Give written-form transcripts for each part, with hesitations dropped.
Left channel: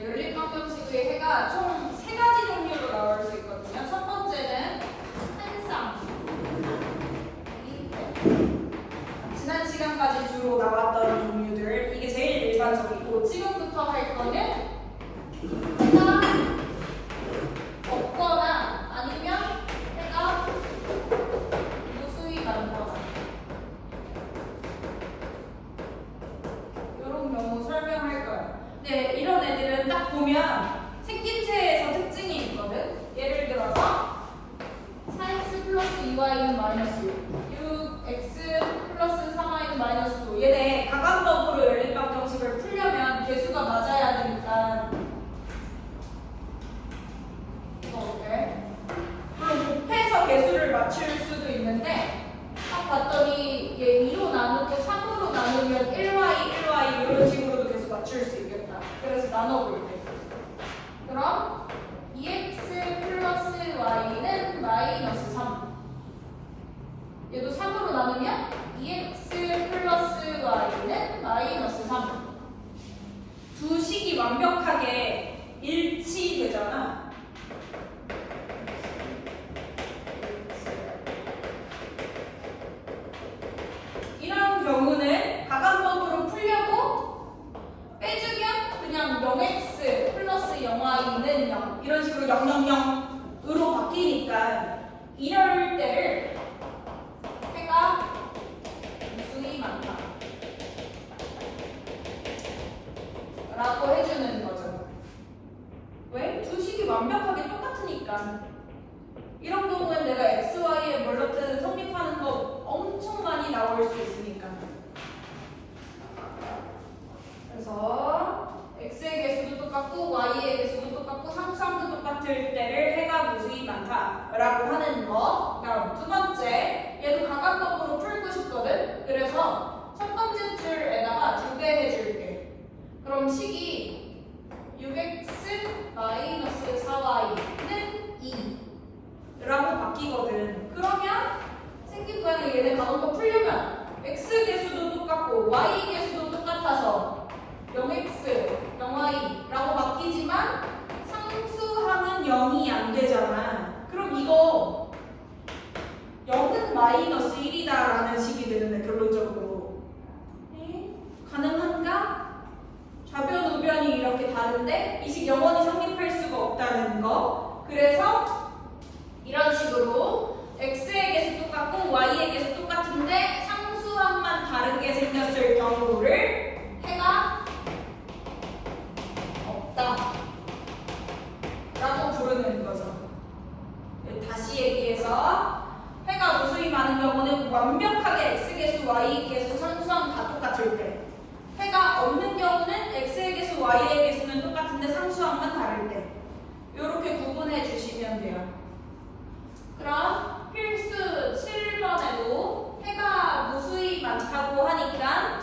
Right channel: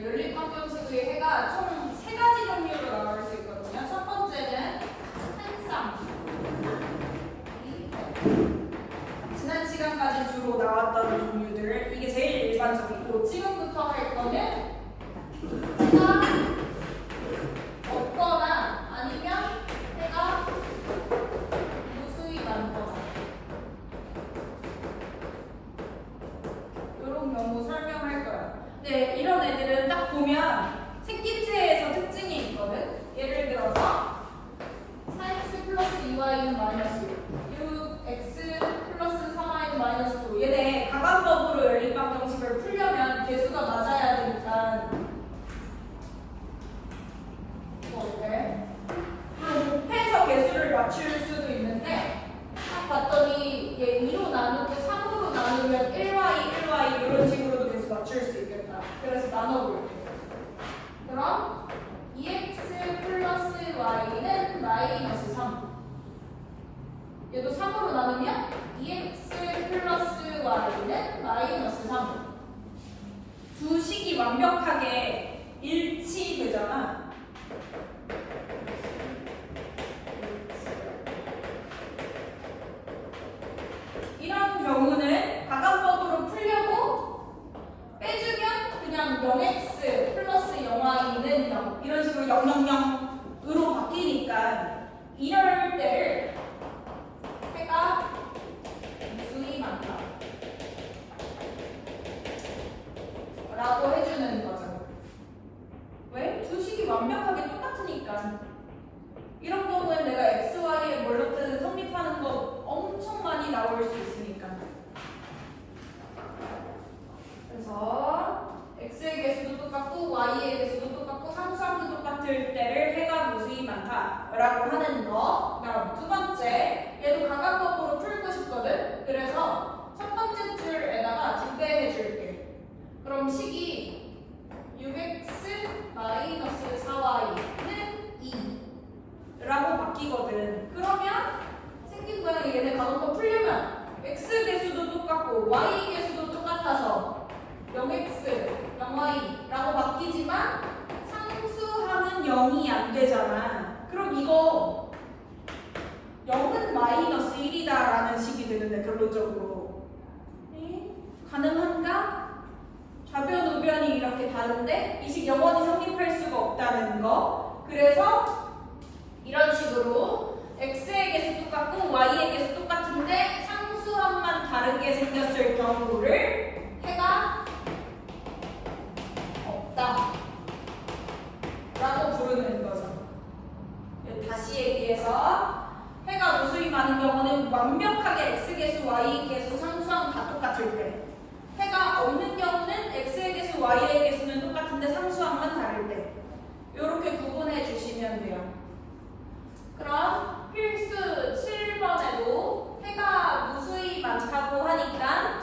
연립방정식의 해가 총 3가지 종류로 나올 수 있거든요. 첫 번째는 한쌍. 지난 시간까지 주로 나왔던 종류들. 이게 제일 일반적이고, 지금부터 할 거는 해가 없거나 아니면 해가 무수히 많거나. 이런 경우 설명할 거예요. 네, 이런 애들은 딱 보면 생김새에서 특징이 있거든. 예를 들어서 4x 플러스 2y는 마이너스 6, x 플러스 3y는 마이너스 9. 얘네 가감법으로 연립방정식을 풀려면 개수가 맞아야 되니까 이거 어때? 물론 곱해서 개수를 맞출 수도 있는데 딱 봤더니 얘 2로 나누고 3으로 나누면 1y 이런 식으로도 계속 맞출 수 있겠다. 그래서 나눠볼게. 그럼 2x 플러스 y는 마이너스 3. 얘도 3으로 나누면 2x 플러스 y는 마이너스 3. 두 식이 완벽하게 일치되잖아. 이런 경우는 가감법으로 풀려고 빼주면 그냥 0x 플러스 0y는 0 이런 식으로 000으로 바뀌니까 이럴 때를 해가 무수히 많다 라고 해주는 거죠. 왜? 두 식이 완벽하게 똑같으니까. 이런 경우엔 내가 x, y에 뭘로든 성립하는 거 엄청 많이 나올 수 있으니까. 그래서 x의 개수도 똑같고 y의 개수도 똑같고 상수함도 똑같을 때를 해가 무수히 많다라고 하는 거. 그다음 두 번째, 얘도 가감법으로 풀고 싶거든. 그래서 첫 번째 줄에다가 두 개 해줄게. 그럼 식이 6x 마이너스 4y는 2 라고 바뀌거든. 그러면 생긴 모양이 얘네 가감법 풀려면 x 개수도 똑같고 y 개수도 똑같아서 0x, 0y라고 바뀌지만 상수함은 0이 안 되잖아. 그럼 이거 0은 마이너스 1이다라는 식이 되는데 결론적으로 가능한가? 좌변, 우변이 이렇게 다른데 이 식 영원히 성립할 수가 없다는 거. 그래서 이런 식으로 x의 개수 똑같고 y의 개수 똑같은데 상수함만 다르게 생겼을 경우를 해가 없다 라고 부르는 거죠. 다시 얘기해서 해가 무수히 많은 경우는 완벽하게 x개수, y개수, 상수함 다 똑같을 때, 해가 없는 경우는 x의 개수, y의 개수는 똑같은데 상수함만 다를 때, 이렇게 구분해 주시면 돼요. 그럼 필수 7번에도 해가 무수히 많다고 하니까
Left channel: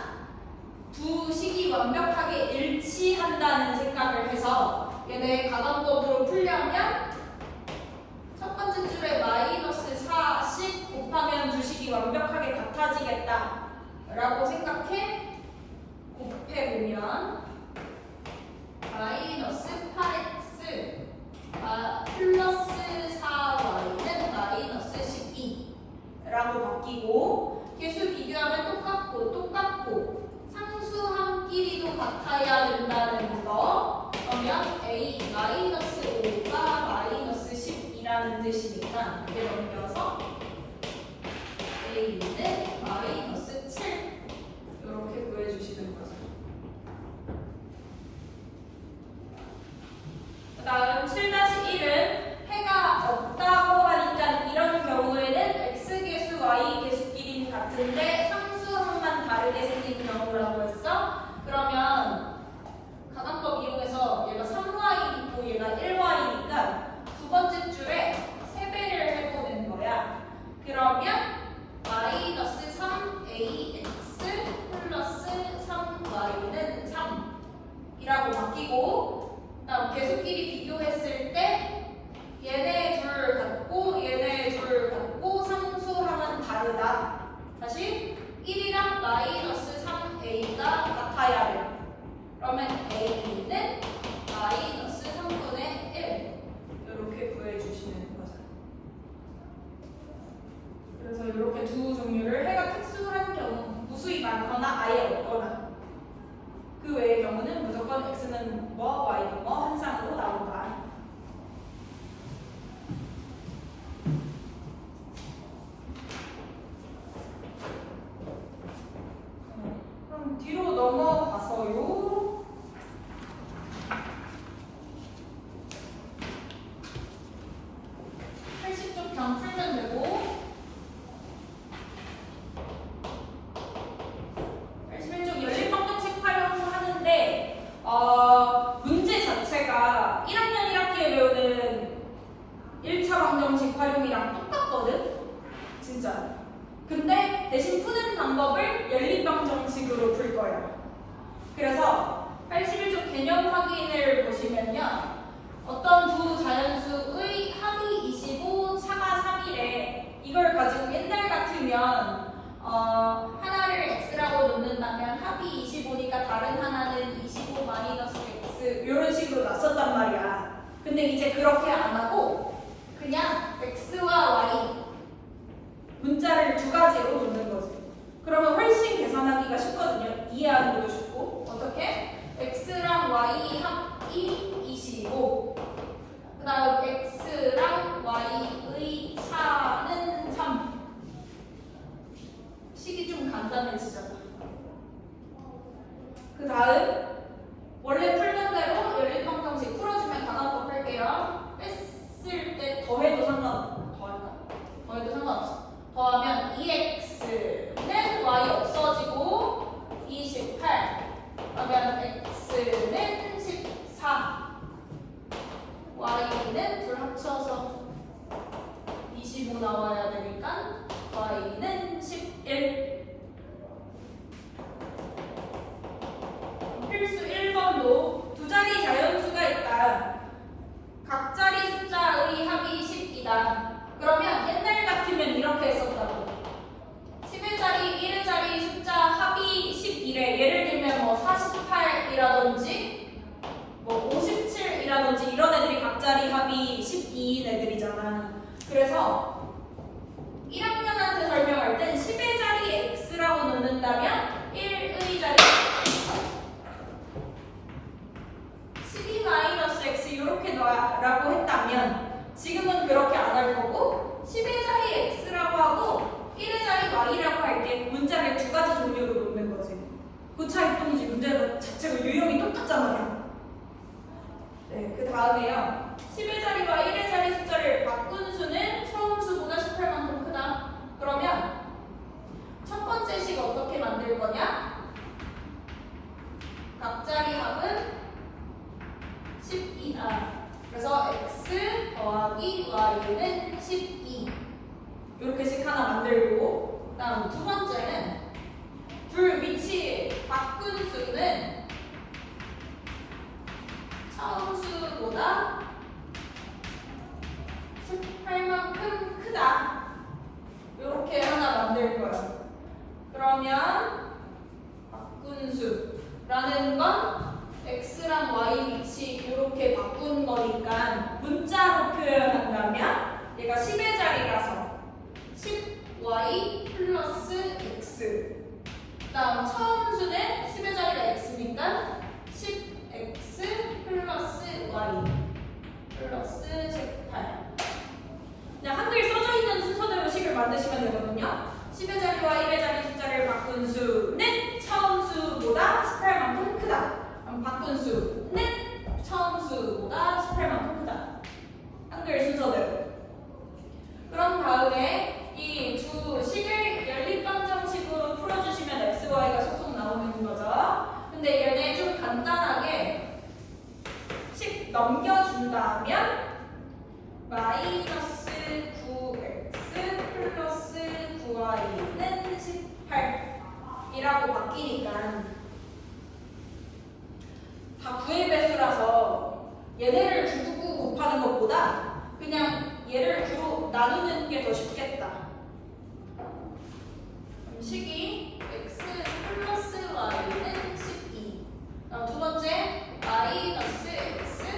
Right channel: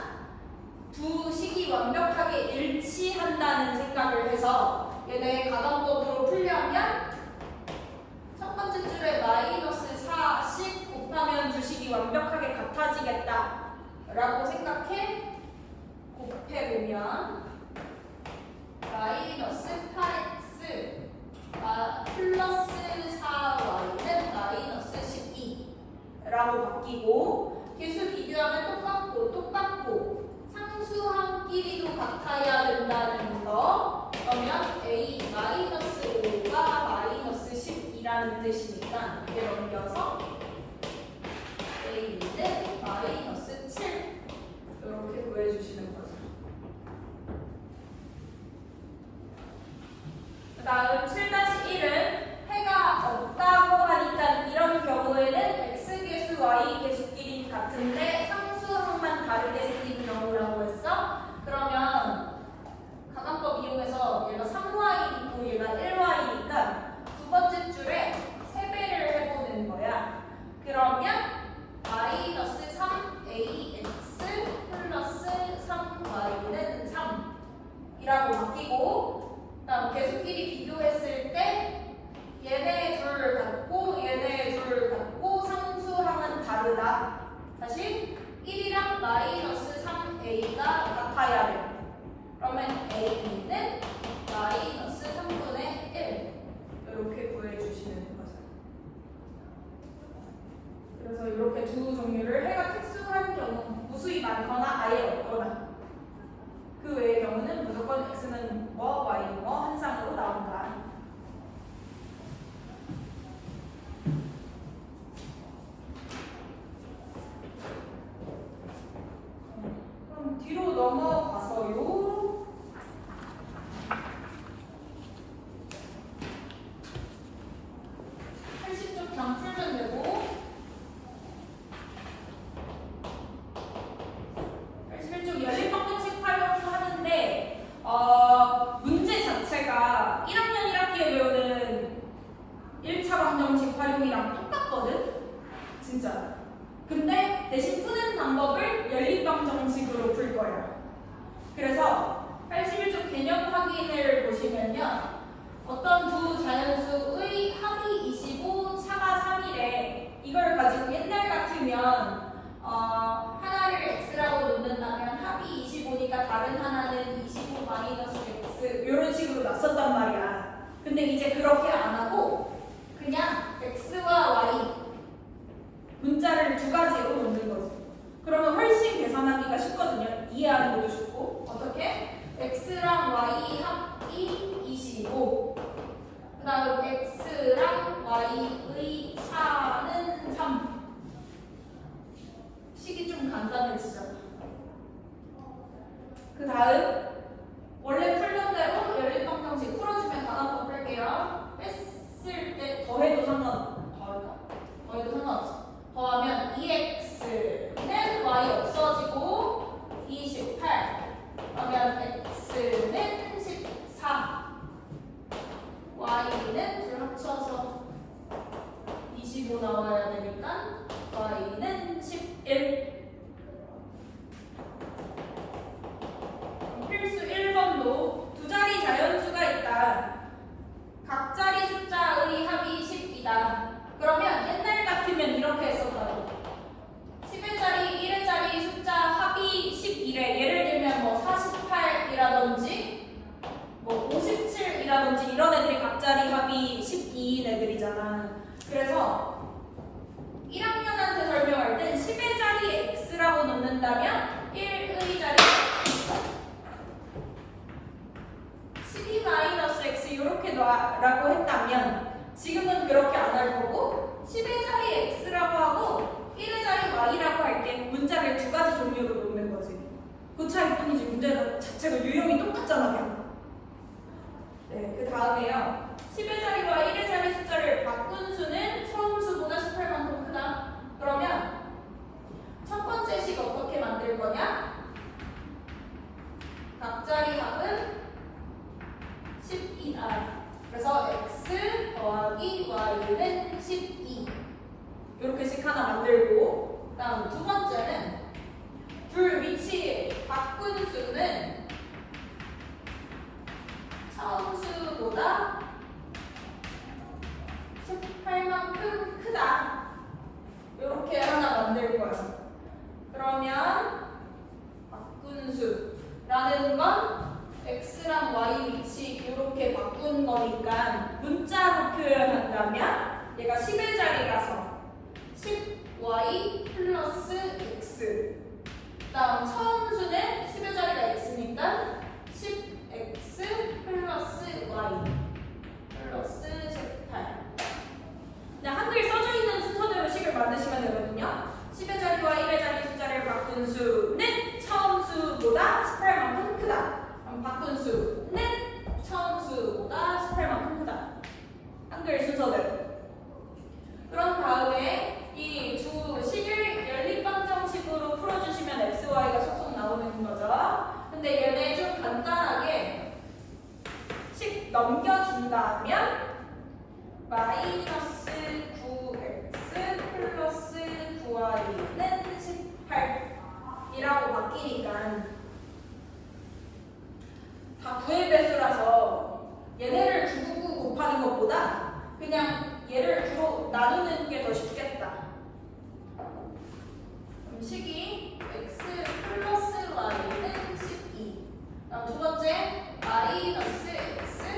두 식이 완벽하게 일치한다는 생각을 해서 얘네 가감법으로 풀려면 첫 번째 줄에 마이너스 4씩 곱하면 두 식이 완벽하게 같아지겠다 라고 생각해 곱해보면 마이너스 8x 플러스 4y는 마이너스 12 라고 바뀌고 개수 비교하면 똑같고 상수함끼리도 같아야 된다는 거. 그러면 a 마이너스 5가 마이너스 12라는 뜻이니까 이게 넘겨서 a는 마이너스 7 이렇게 구해주시는 거죠. 그 다음 7-1은 해가 없다고 하니까 이런 경우에는 x개수, y개수끼리 같은데 상수함만 다르게 생긴 경우라고 했어. 그러면 가감법 이용해서 얘가 3y이고 얘가 1y니까 두 번째 줄에 3배를 해보는 거야. 그러면 마이너스 3ax 플러스 3y는 3이라고 바뀌고, 다음 개수끼리 비교했을 때 얘네 둘 같고 얘네 둘 같고 상수함은 다르다. 다시 1이랑 마이너스 3a가 같아야 돼. 그러면 a는 마이너스 3분의 1 이렇게 구해주시는 거죠. 그래서 이렇게 두 종류를 해가 특수한 경우, 무수히 많거나 아예 없거나 그 외의 경우는 무조건 x는 뭐, y는 뭐 한 쌍으로 나온다. 그럼 뒤로 넘어가서요. 80쪽 경 풀면 되고 81쪽 열린 방정식 활용하는데 문제 자체가 1학년 1학기에 배우는 1차 방정식 활용이랑 똑같거든? 진짜. 근데 대신 푸는 방법을 열린 방정식으로 풀 거예요. 그래서 81쪽 개념 확인을 보시면요. 어떤 두 자연수의 합이 25, 차가 3이래. 이걸 가지고 옛날 같으면 하나를 x라고 놓는다면 합이 25니까 다른 하나는 25 마이너스 x 이런 식으로 놨었단 말이야. 근데 이제 그렇게 안 하고 그냥 x와 y 문자를 두 가지로 놓는 거지. 그러면 훨씬 계산하기가 쉽거든요. 이해하는 것도 쉽고. 어떻게? x랑 y 합이 25. 그 다음 x랑 y의 차는 3. 식이 좀 간단해지잖아. 그 다음 원래 풀던 대로 연립방정식 풀어주면 가난법 풀게요. 뺐을 때 더해도 상관없어. 더하면 2x는 y 없어지고 28. 그러면 x는 14. y는 둘 합쳐서 25 나와야 되니까 y는 11. 필수 1번도 두 자리 자연수가 있다. 각 자리 숫자의 합이 10이다. 그러면 옛날 같으면 이렇게 했었다고. 10일짜리, 1일짜리 숫자 합이 11에 예를 들면 뭐 48이라든지 뭐 57이라든지 이런 애들이 각 자리 합이 12인 애들이잖아. 그래서 1학년한테 설명할 땐 10의 자리에 x라고 놓는다면 1의 자리에 12-x 이렇게 놔라고 했다면 지금은 그렇게 안 할 거고 10의 자리에 x라고 하고 1의 자리 y라고 할 때 문자를 두 가지 종류로 놓는 거지. 그 차이뿐이지 문제 자체가 유형이 똑같잖아요. 네, 그 다음에요. 10의 자리와 1의 자리 숫자를 바꾼 수는 처음 수보다 18만큼 크다. 그러면 첫 번째 식 어떻게 만들 거냐? 각 자리 합은 12다. 그래서 x 더하기 y는 12. 이렇게 식 하나 만들고, 다음 두 번째는 둘 위치 바꾼 수는 처음 수보다 18만큼 크다. 이렇게 하나 만들 거예요. 그러면 바꾼 수라는 건 x랑 y 위치 이렇게 바꾼 거니까 문자로 표현한다면 얘가 10의 자리라서 10y 플러스 x. 다음 처음 수는 10의 자리가 x니까 10x 플러스 y 플러스 18. 그냥 한글 써져 있는 순서대로 식을 만드시면 되거든요. 10의 자리와 1의 자리 숫자를 바꾼 수는 처음 수보다 18만큼 크다. 바꾼 수는 처음 수보다 18만큼 크다. 한글 순서대로. 그런 다음에 이 두 식을 연립방정식으로 풀어주시면 x, y가 속속 나오는 거죠. 근데 얘네 좀 간단하게 식 넘겨준다면 마이너스 9x 플러스 9y는 18이라고 바뀌니까 다 9의 배수라서 얘네를 두고 곱하는 것보다 그냥 얘를 두로 나누는 게 더 쉽겠다. 그럼 식이 x 플러스 y는 12. 다음 두 번째 마이너스 x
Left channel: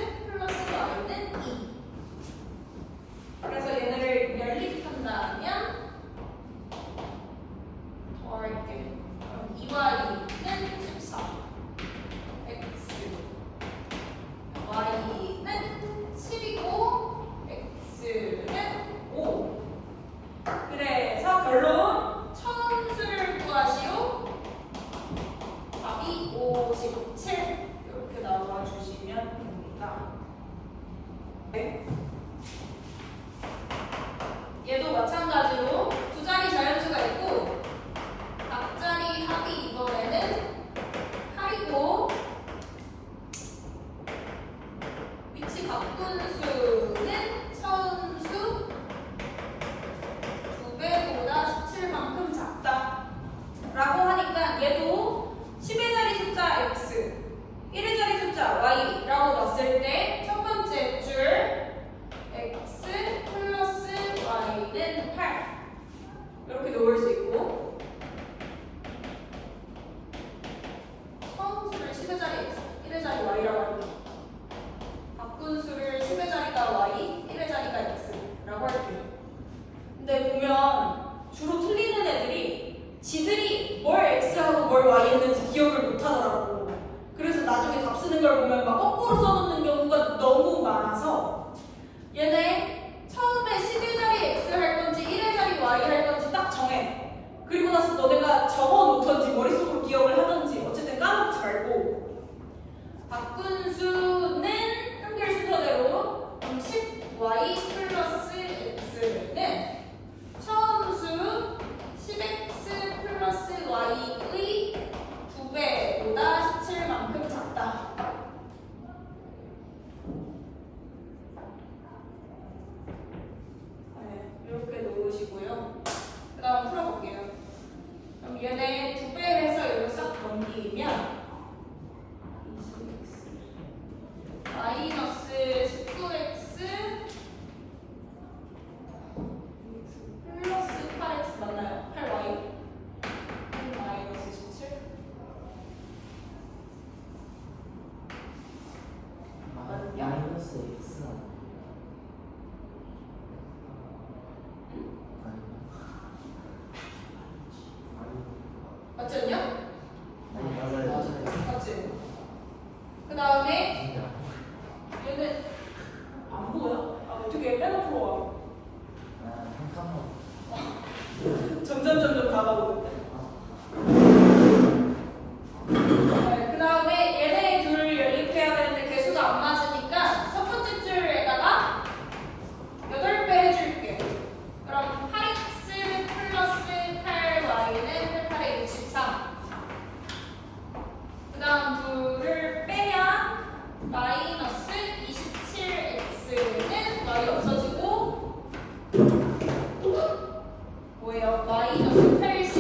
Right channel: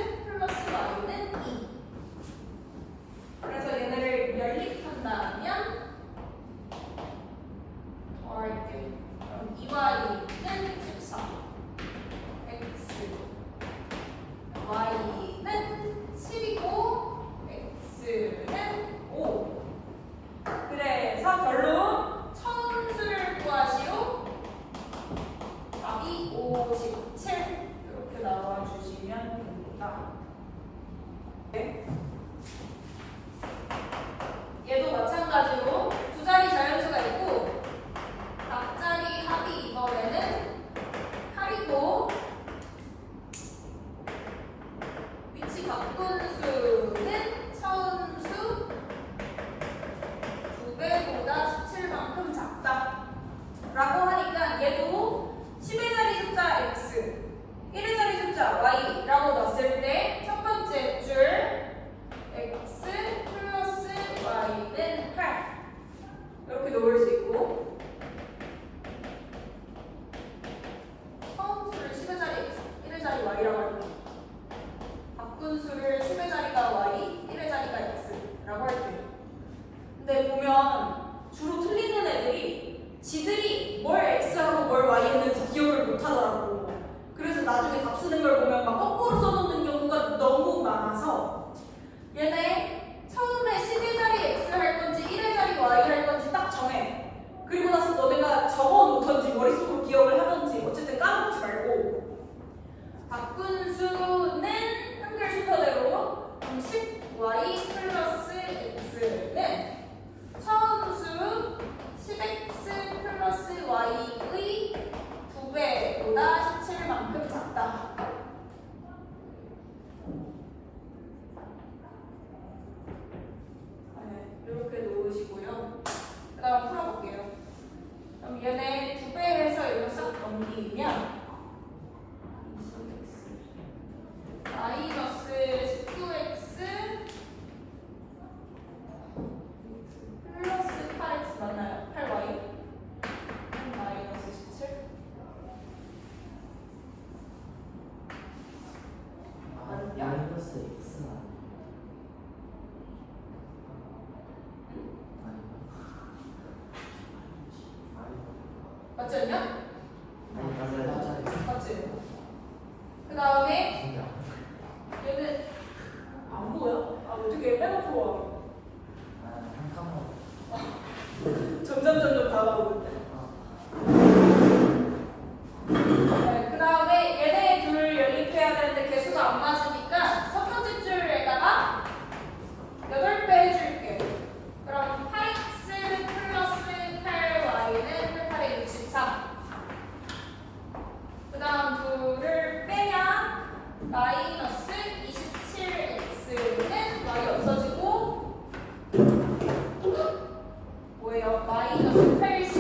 자리 y라고 할게요. 바꾼수를 10의 자리가 y, 1의 자리가 x라고 할게요. 근데 보면 주로 틀리는 애들이 지들이 뭘 x하고 뭘 y 했는지 기억을 못 하더라고. 그래서 나중에 답 쓰는 걸 보면 막 거꾸로 써놓는 경우가 너무 많아서 얘네 처음에 10의 자리 x 할 건지 1의 자리 y 할 건지 딱 정해. 그리고 나서 너네가 적어 놓던지 머릿속으로 기억을 하던지 어쨌든 까먹지 말고 바꾼수는 한글 순서대로 10y 플러스 x는 처음 수 10x 플러스 y의 2배보다 17만큼 작다. 네, 이렇게 놓으시고요. 그 다음 풀어볼게요. 그럼 얘네 2배 해서 이거 싹 넘기면 마이너스 19x 플러스 8x 맞나요? 8y 마이너스 17 맞냐? 마이너스 x 맞지 않냐? 맞아요. 맞지? 그 다음에 얘는 안 보여? 아 어떻게 빼놓고 와? 점점 다가오는데. 네, 그 다음에 얘네 둘 연립해야 되는데 개수가 안 맞으니까 첫 번째 줄에다가 8배 해줄게. 그럼 8x 플러스 8y는 8에 63. 그 다음 둘을 빼면 마이너스 27x는 y 없어지고 뭐예요? 마이너스 80.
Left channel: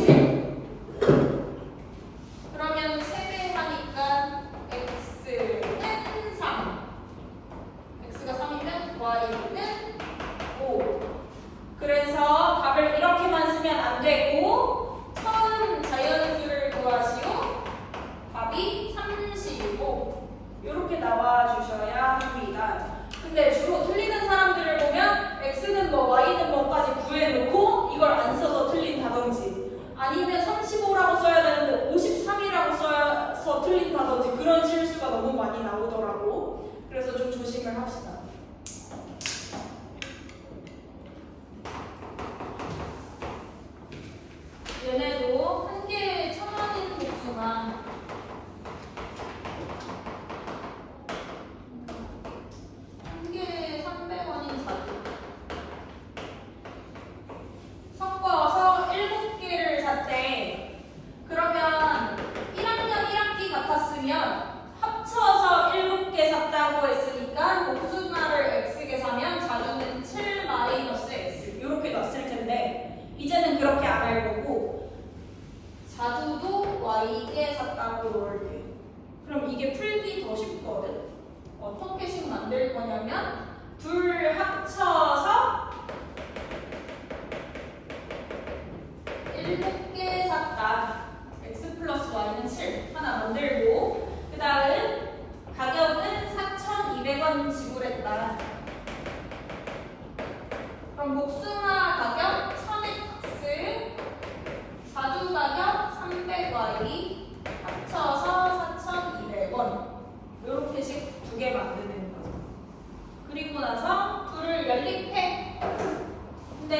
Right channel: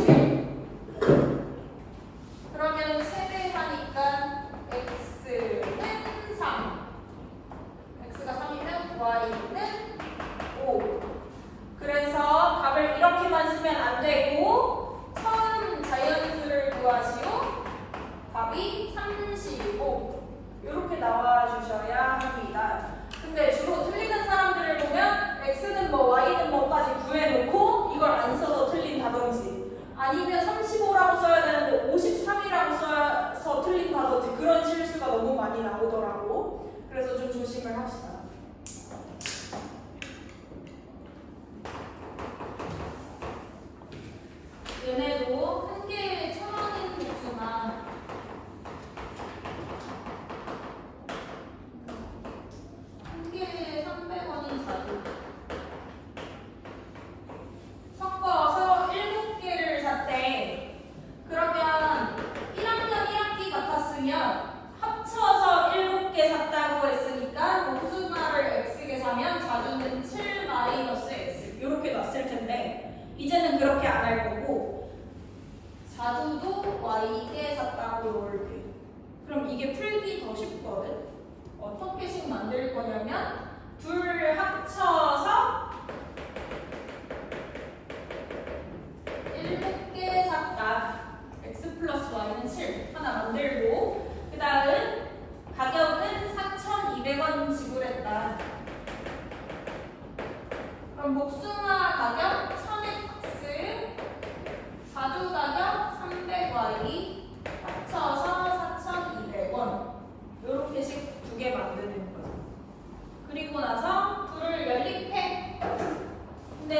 그러면 3배 하니까 x는 3. x가 3이면 y는 5. 그래서 답을 이렇게만 쓰면 안 되고 처음 자연수를 구하시오. 답이 35. 이렇게 나와 주셔야 합니다. 근데 주로 틀리는 사람들을 보면 x는 뭐 y는 뭐까지 구해놓고 이걸 안 써서 틀린다든지 아니면 35라고 써야 되는데 53이라고 써서 틀린다든지 그런 실수가 너무 많이 나오더라고. 그래서 좀 조심을 합시다. 얘네도 한 개에 1,000원인 복숭아 한 개에 300원인 자두 섞어서 7개를 샀대. 그러면 1학년 1학기 같았으면 합쳐서 7개 샀다고 했으니까 복숭아를 x개 사면 자두는 7 마이너스 x 이렇게 넣었을 텐데 이제는 그렇게 안 할 거고 자두도 y개 샀다고 넣을게. 그럼 이게 풀기 더 쉽거든. 어떻게씩 만들 거냐면 둘 합쳐서 7개 샀다. x 플러스 y는 7 하나 만들고 그 다음 가격은 4,200원 지불했다. 그럼 복숭아 가격 1000x 자두 가격 300y 합쳐서 4,200원 이렇게씩 2개 만드는 거죠. 그리고 나서 둘을 연립해. 근데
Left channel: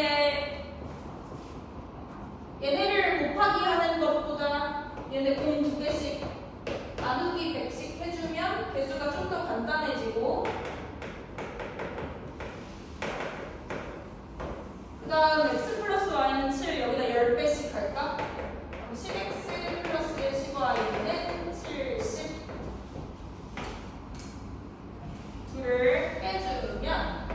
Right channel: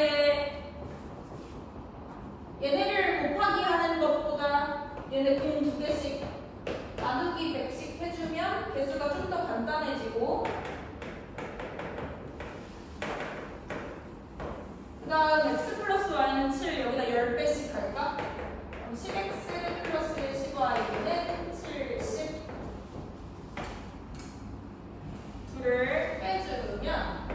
얘네를 곱하기 하는 것보다 얘네 공 2개씩 나누기 100씩 해주면 개수가 좀 더 간단해지고 그 다음 x 플러스 y는 7 여기다 10배씩 할까? 그럼 10x 플러스 10y는 70 둘을 빼주면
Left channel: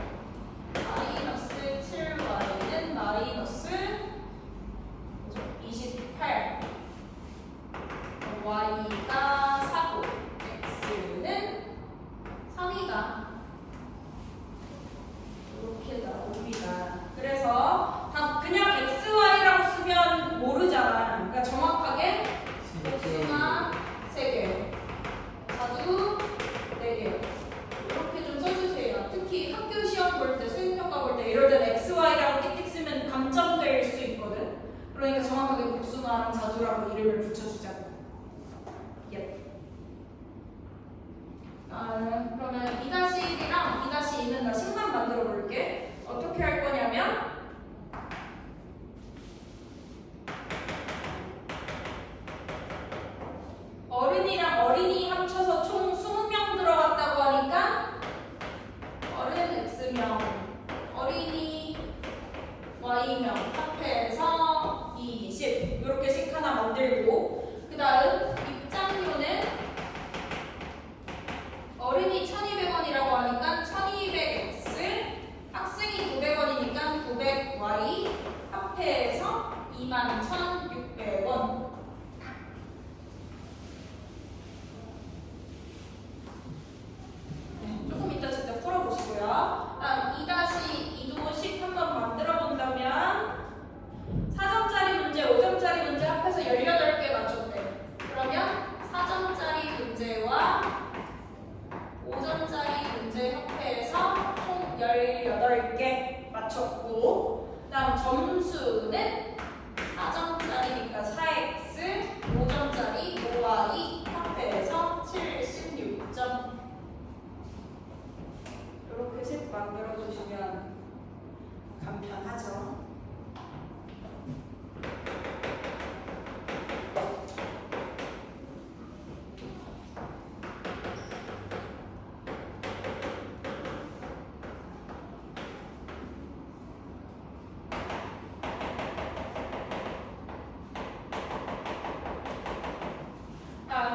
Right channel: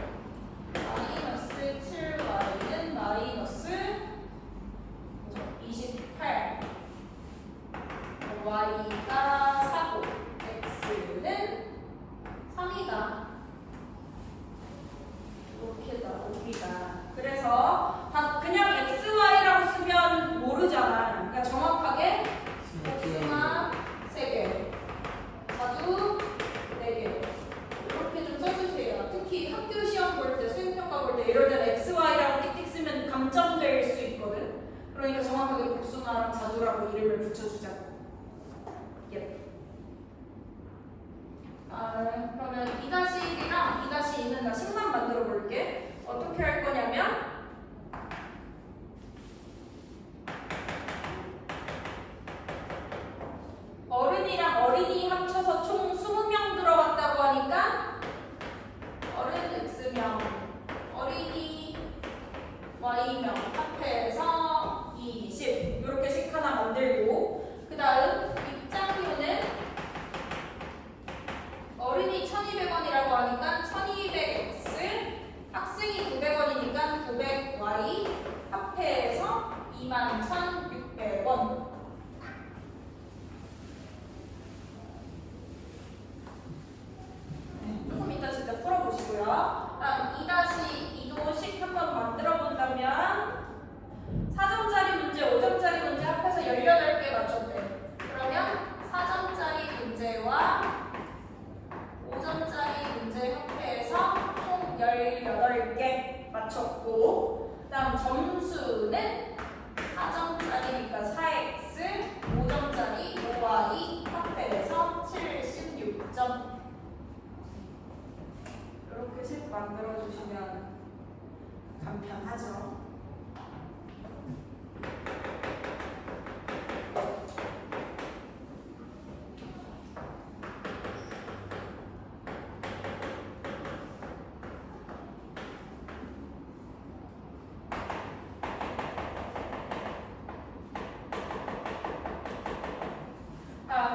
마이너스 7y는 마이너스 28 y가 4고 x는 3이다. 이렇게 나옵니다. 그래서 다 그냥 xy라고 쓰면 모르잖아. 그러니까 정확하게 복숭아 3개, 자두 붙여주자고. 예. 그러면 2-1이랑 2-2는 나 식만 만들어 볼게. 어떻게 할 거냐면 어른이랑 어린이 합쳐서 총 20명 들어갔다고 하니까 어른 X명, 어린이 Y명 합해서 20 이렇게 식 하나 만들고 그 다음 입장료는 어린이 1200원이라고 하니까 1200X 학생이 900원이니까 900Y 합해서 21,600원. 조금 이따 진짜 풀어보시고요. 다음 2-2도 식 한번 만들어 본다면 4점짜리 문제, 5점짜리 문제 합해서 18개 맞췄대. 그러면 4점짜리 문제와 5점짜리 문제 합해서 총 18개 맞췄고 그다음 점수는 4점짜리니까 4x, 5점짜리 5y 합해서 76점. 이렇게 식 만들어주시면 간편하죠.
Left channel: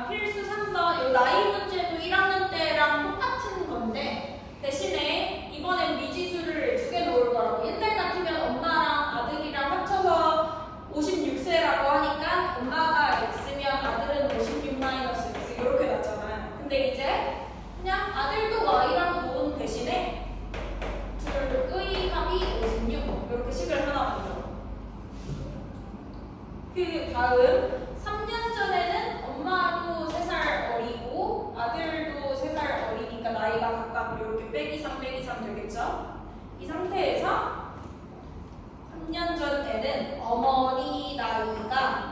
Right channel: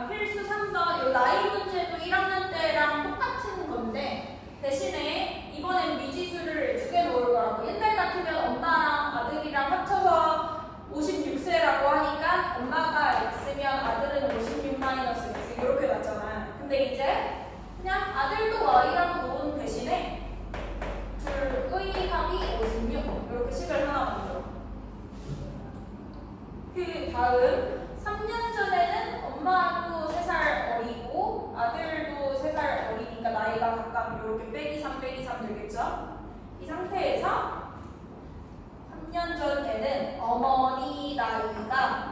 필수 3번, 이 나이 문제도 1학년 때랑 똑같은 건데 대신에 이번엔 미지수를 2개 놓을 거라고. 옛날 같으면 엄마랑 아들이랑 합쳐서 56세라고 하니까 엄마가 X면 아들은 56 마이너스 X 이렇게 났잖아요. 근데 이제 그냥 아들도 Y라고 놓은 대신에 둘의 합이 56 이렇게 식을 하나 만들어. 그 다음 3년 전에는 엄마도 3살 어리고 아들도 3살 어리니까 나이가 각각 이렇게 빼기 3 빼기 3 되겠죠? 이 상태에서 3년 전 때는 어머니 나이가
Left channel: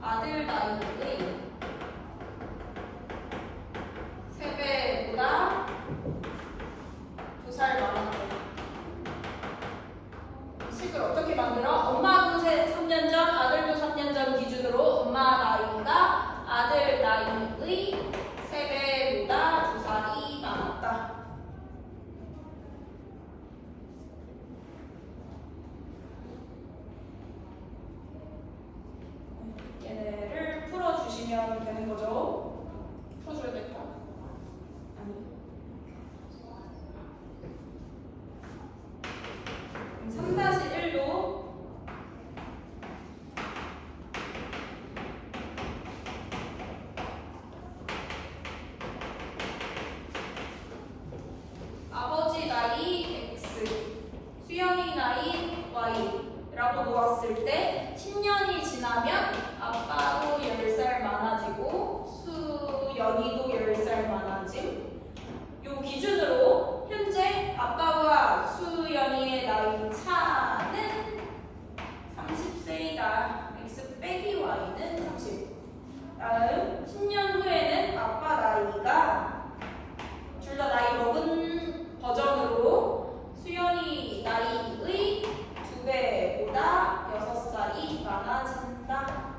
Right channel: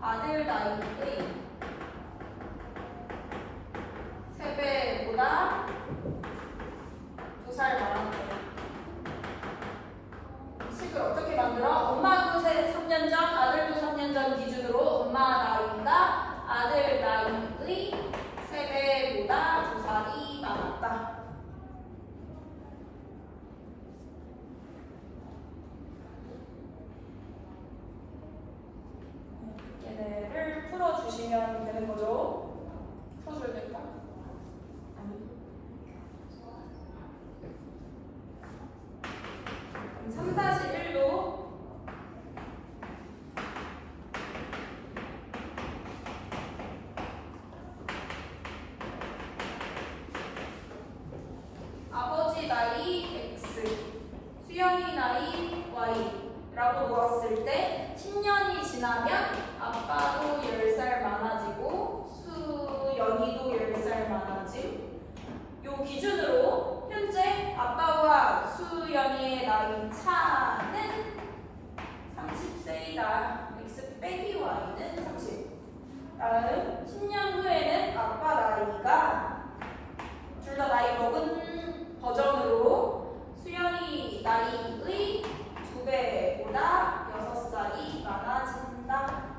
아들 나이의 3배보다 2살 많았대요. 식을 어떻게 만들어? 엄마도 3년 전, 아들도 3년 전 기준으로 엄마 나이가 아들 나이의 3배보다 2살이 많았다. 얘네를 풀어주시면 되는 거죠. 풀어줘야 될까? 아니. 3-1도 아버지 나이 X, 수영이 나이 Y라고 놓았을 때 10년이 지나면 아빠도 10살 많아지고 수연이도 10살 많아짐. 요 기준으로 현재 아빠와 수연이의 나이 차는 30세이다. X 빼기 Y는 30. 다음 10년 후에는 아빠 나이가 둘 다 나이 먹은 버전으로 수연이 나이의 2배보다 6살이 많아진다.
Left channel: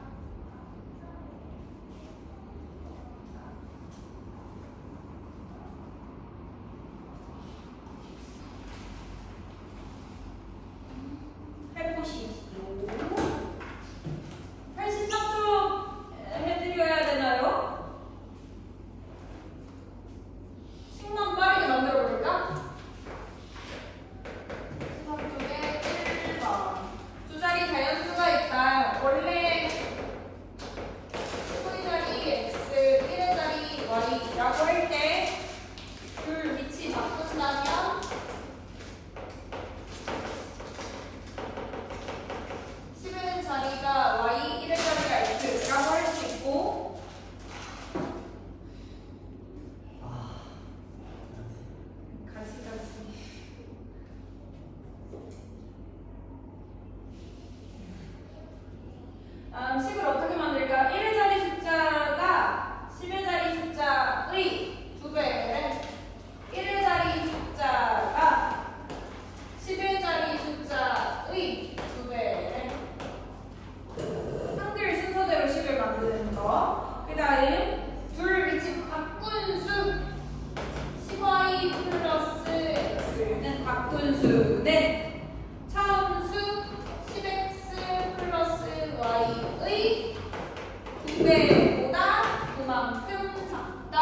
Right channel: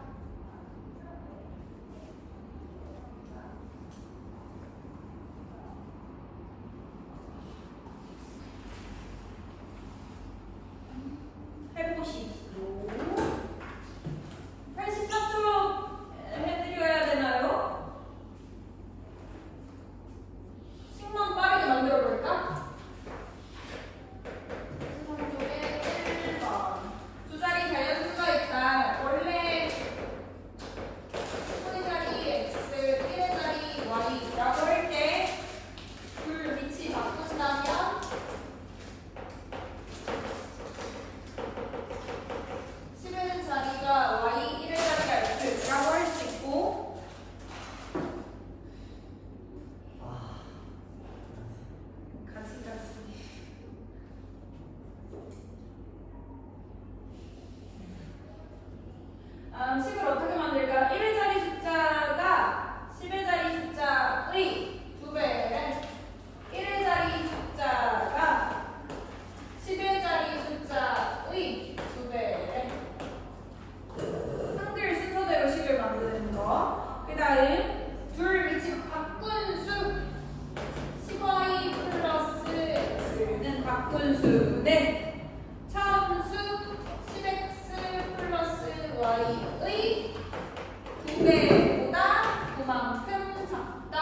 해보시죠. 84초 해드려야 되나요? 식만 빠르게 만들어 볼까? 83쪽에 1번. 두 자리 식을 어떻게 만들까? 1의 자리 숫자가 10의 자리 숫자의 2배래. 1의 자리 숫자가 10의 자리 숫자의 2배래. 한글 순서대로 식을 만드는 거. 그 다음 둘 위치 바꾼 수 10y 플러스 x는 바꾼 수는 차원수 10x 플러스 y의 2배보다 그만큼 작다.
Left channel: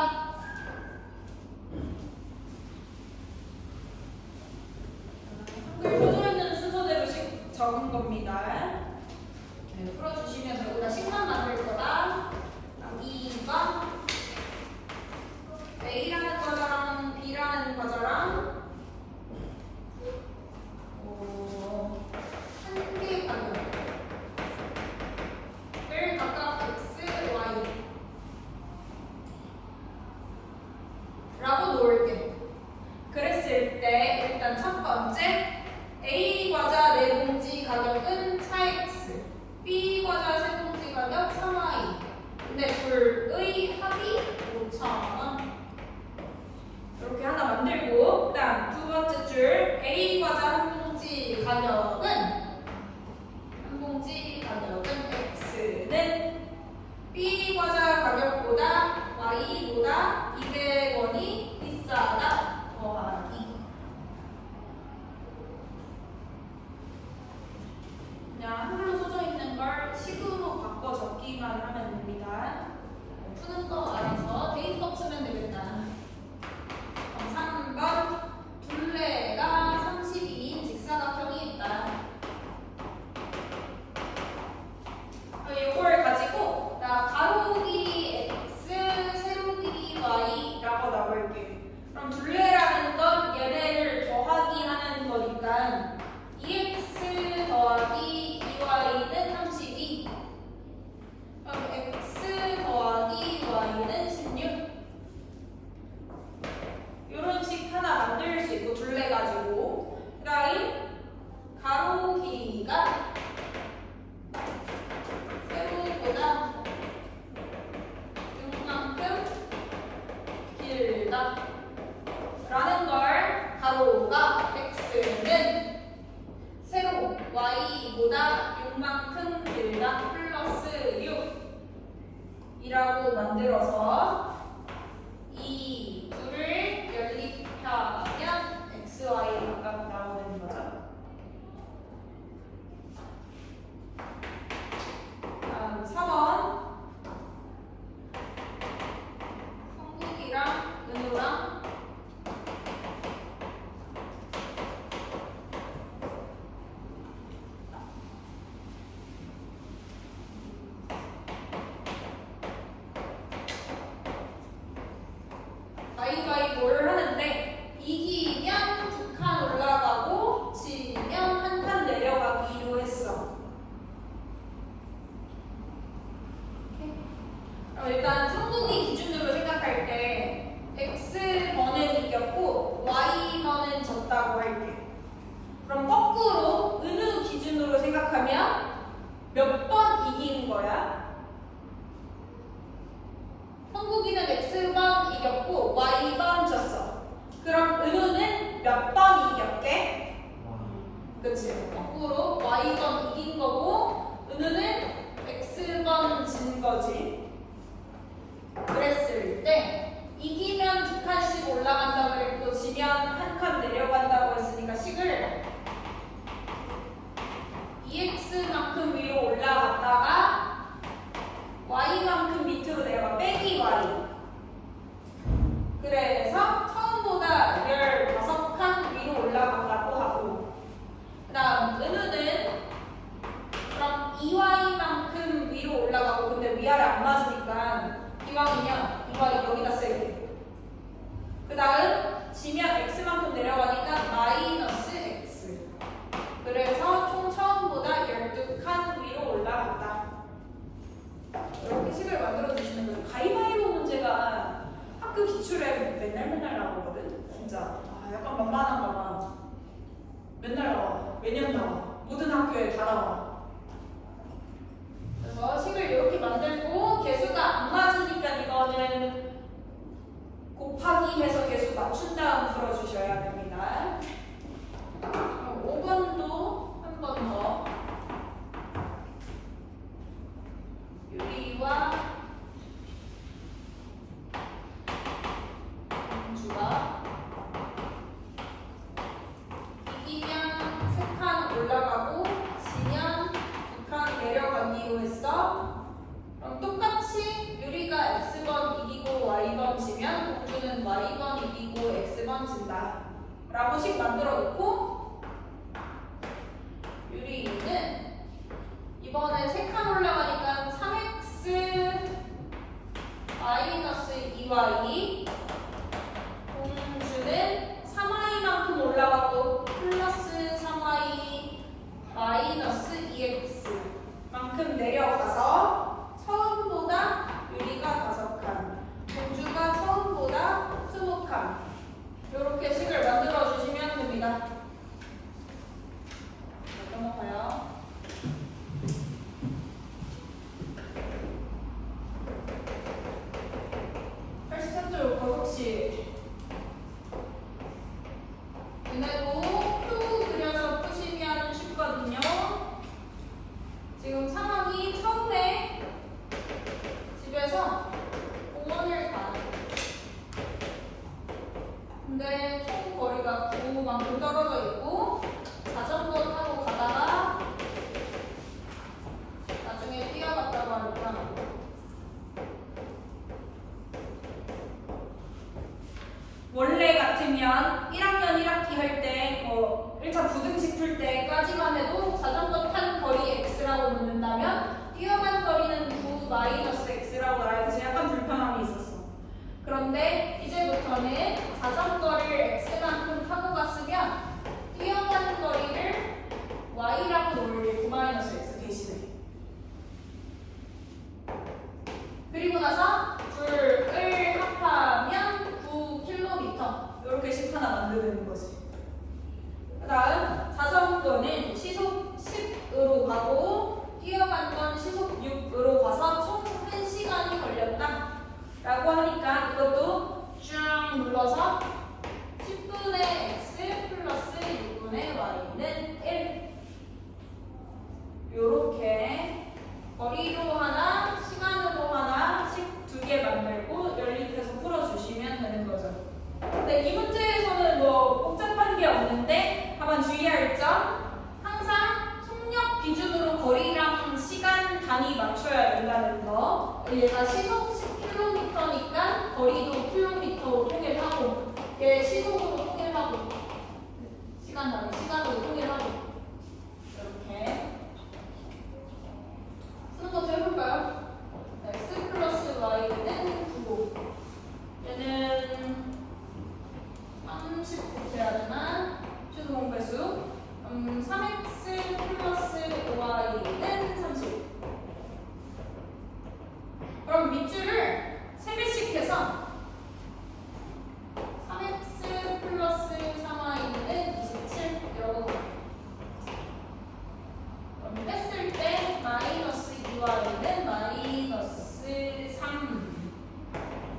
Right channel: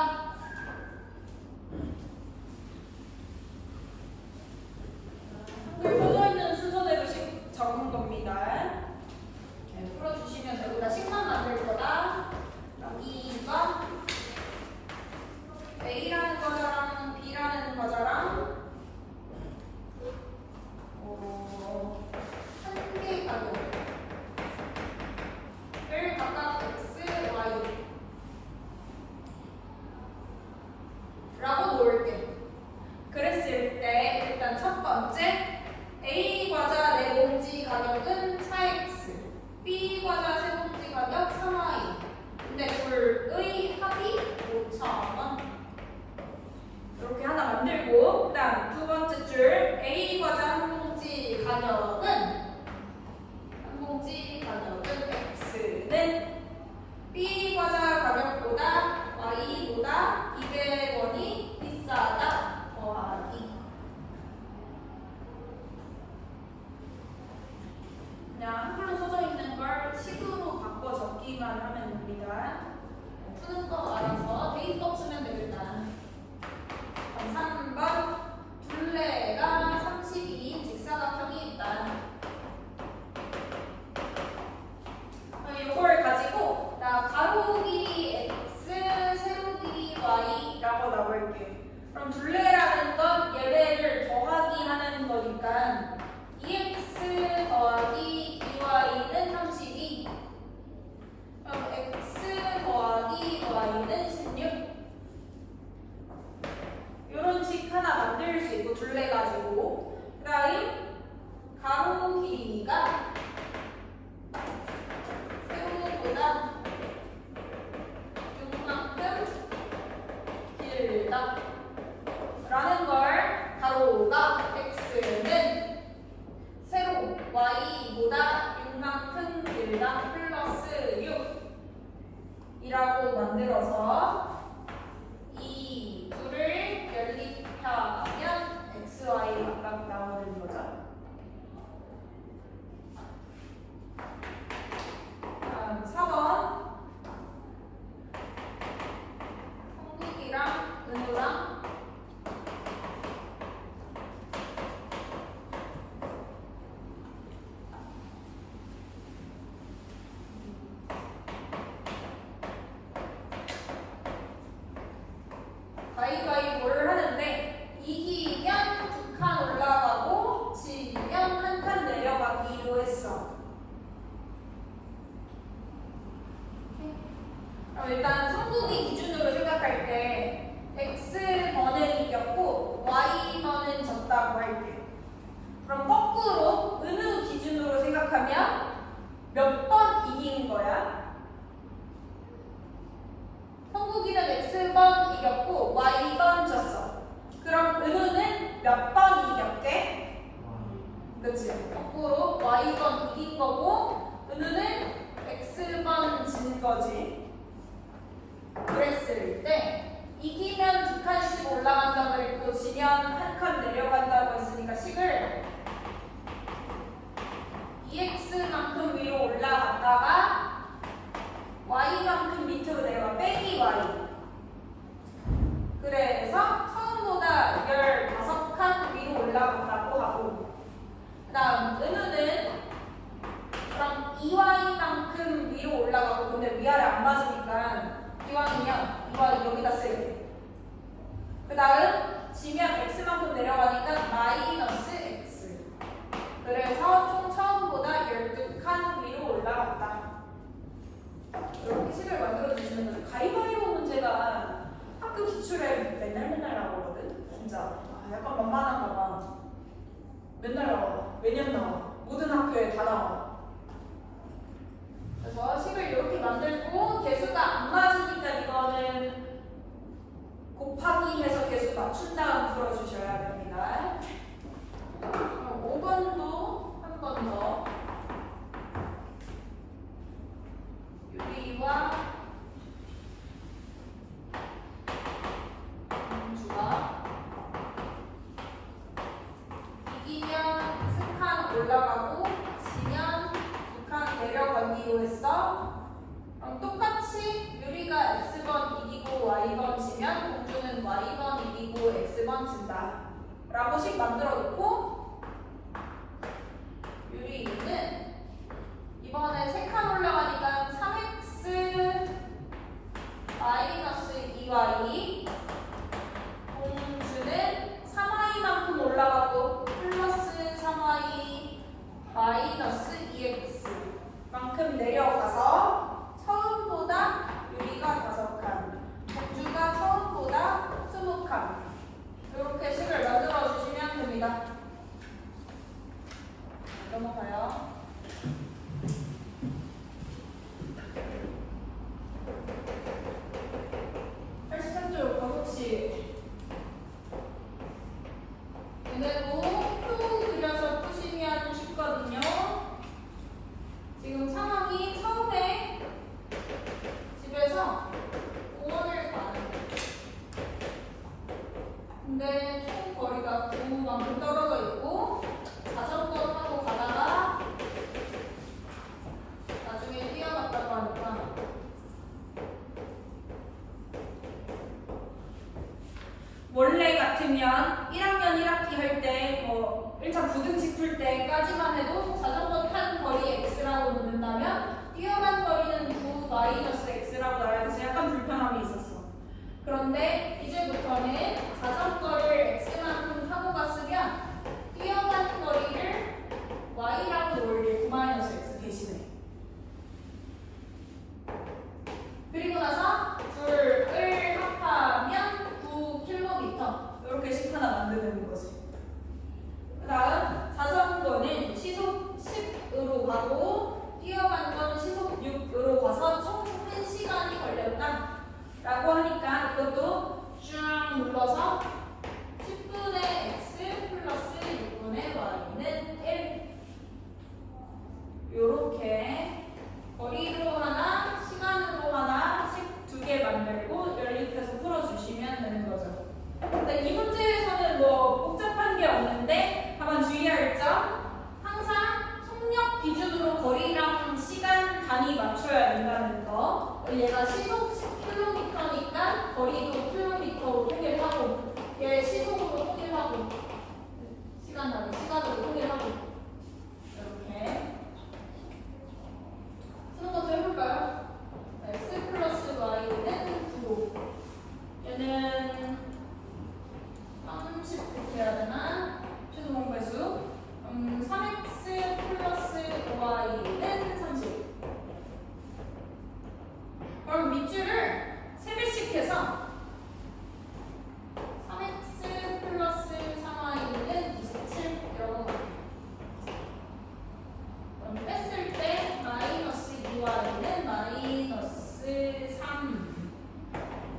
한글 써져 있는 순서대로씩 적은 겁니다. 네, 풀어주시면 되고, 나 식만 만들 거다. 2번 A라는 과자랑 B라는 과자랑 한 개 가격을 각각 X, Y 라고 놓을게. 그랬을 때 일단 첫 번째 A 과자 4봉지 가격은 4X, B 과자 3봉지 가격 3Y. 근데 둘의 합이 5,000원. 이렇게 하나 만들고, 그다음 두 번째 줄 A 과자 한 봉지 가격은 X는 B 과자 가격보다 Y보다 200원이 비싸다 더하기. 그냥 한글로 써져 있는 걸 식으로 바꿔 적기만 하면 됩니다. 푸는 거 알아서 대입법 쓰면 되겠다. 3번 둘레가 32인 직사각형이 있다. 이걸 가지고 나 가로 길이 x, 세로 길이 y라고 나올게. 그럼 둘레라는 건 얘네를 더하기 하는 거니까 2x 더하기 2y는 32. 그럼 x 더하기 y는 16. 이런 식 하나 만들 수 있고, 둘레 가지고. 그 다음 가로 길이가 세로보다 6만큼 길다 라는 걸 가로가 x는 세로 y보다 6만큼 길다 플러스 6 이라고 만들어서 이 둘을 연립하면 xy 값 나오는 거죠. 다음 4번 성국이랑 은우랑 가위바위보를 하는데 이기면 2칸 올라가고 지면 1칸 내려가기로 했어. 그럼 일단 성국이 기준으로 생각할 때 x번은 이겼고 y번은 졌다고 할게. 그럼 거꾸로 은우 기준으로 생각하면 몇 번 이긴 거야? 성국이는 x번 이겼고 y번 졌어. 그럼 은우는 몇 번 이겼게? 그치? 거꾸로 y번 이긴 거고 은우는 x번 진 거지. 그랬을 때 이기면 2칸씩 올라간다고 그랬고 지면 1칸 내려간다고 했으니까 식을 2x만큼 위로 올라갔다가 y만큼 밑으로 내려가 빼기 y. 그래서 처음보다 15칸 위로 올라간다고 하고, 그 다음 은우는 그럼 2y만큼 위로 올라가고, 근데 위아래 안 맞으니까 이왕이면 2y 여기다 쓰게. 그 다음 지면 x만큼 내려가니까 마이너스 x. 그래서 총 처음보다 12칸 위로 올라갔다. 이렇게 식을 만들어 주시는 거죠. 가위바위보 문제가 학교 기출에 맨날 나오거든. 진짜 약간 만만한가 봐. 맨날 나와. 매년 나와. 모든 학교에 다 나와. 그래서 식을 이렇게 만들고 개수가 안 맞으니까 이거는 곱하기 해서 개수 맞춘 다음 풀어주셔야 됩니다. 그럼 5번도 한 번 더. 유리와 공주가 이기면 3칸 올라가고 지면 2칸 내려가기로 했어. 그럼 똑같이 유리가 X번 이기고 Y번 지면 공주는 Y번 이기고 X번 진다 라고 식 만들어 놓고 유리는 이번에 3칸 올라가니까 3X 마이너스 2Y 공주는 3Y만큼 올라가고 플러스 3Y 마이너스 2X 만큼 내려가서 처음보다 유리가 5칸 공주가 처음보다 20칸 이렇게 식을 만들어 주시면 됩니다. 넘어가요. 쪽 버섯씨 얘네도 표 그려서 푸시면 쉽거든요. 지금 상황이 처음에 집에서 공원을 가는 근데 총 거리가 9만큼 떨어져 있고 자전거 타고 가다가 나중에 뛰어갔다고 하니까 원래 같으면 1학년 1학기 할 때 1차 부등식 풀 때까지만 해도 자전거 탄 거리 x라고 묻는다면 뛰어간 거리는 9 마이너스 x라고 나와야 돼서 약간 불편함이 있었어. 그런데 이제부터는 자전거를 x만큼 타고 갔으면 뛰어간 거리를 y라고 놓을 9 마이너스 x 대신에 그리고 나서 둘을 합하면 9km 이렇게 식 하나 만드는 거지. 그 다음 자전거는 시속 10으로 가고 뛰어간 건 시속 6으로 가서 총 1시간이 걸렸다 라고 하니까 이것도 쭉 눌러서 10분의 x 플러스 6분의 y는 1 요렇게 거리로 하나 시간으로 하나씩 2개 만들고 연립해서 풀어주시면 되는 거죠. 근데 이 문제에서는 뭐 복잡한 게 없는데 다만 주의할 점 항상 속력 기준으로 거리랑 시간 단위 맞춰야 된다는 거. 얘가 시속 10km니까 거리도 km로 통일하고 얘 시속으로 통일하고 시간 단위 시간으로 통일하고 이렇게 쓰는 것도 해볼까요? x 플러스 y는 9 얘는 30 해야 되나? 최소 공배수 3x 플러스 y는 30 그럼 밑줄을 3배씩 해서 3x 플러스 3y는 27 이러고 그럼 뺐을 때 마이너스 2y는 마이너스 3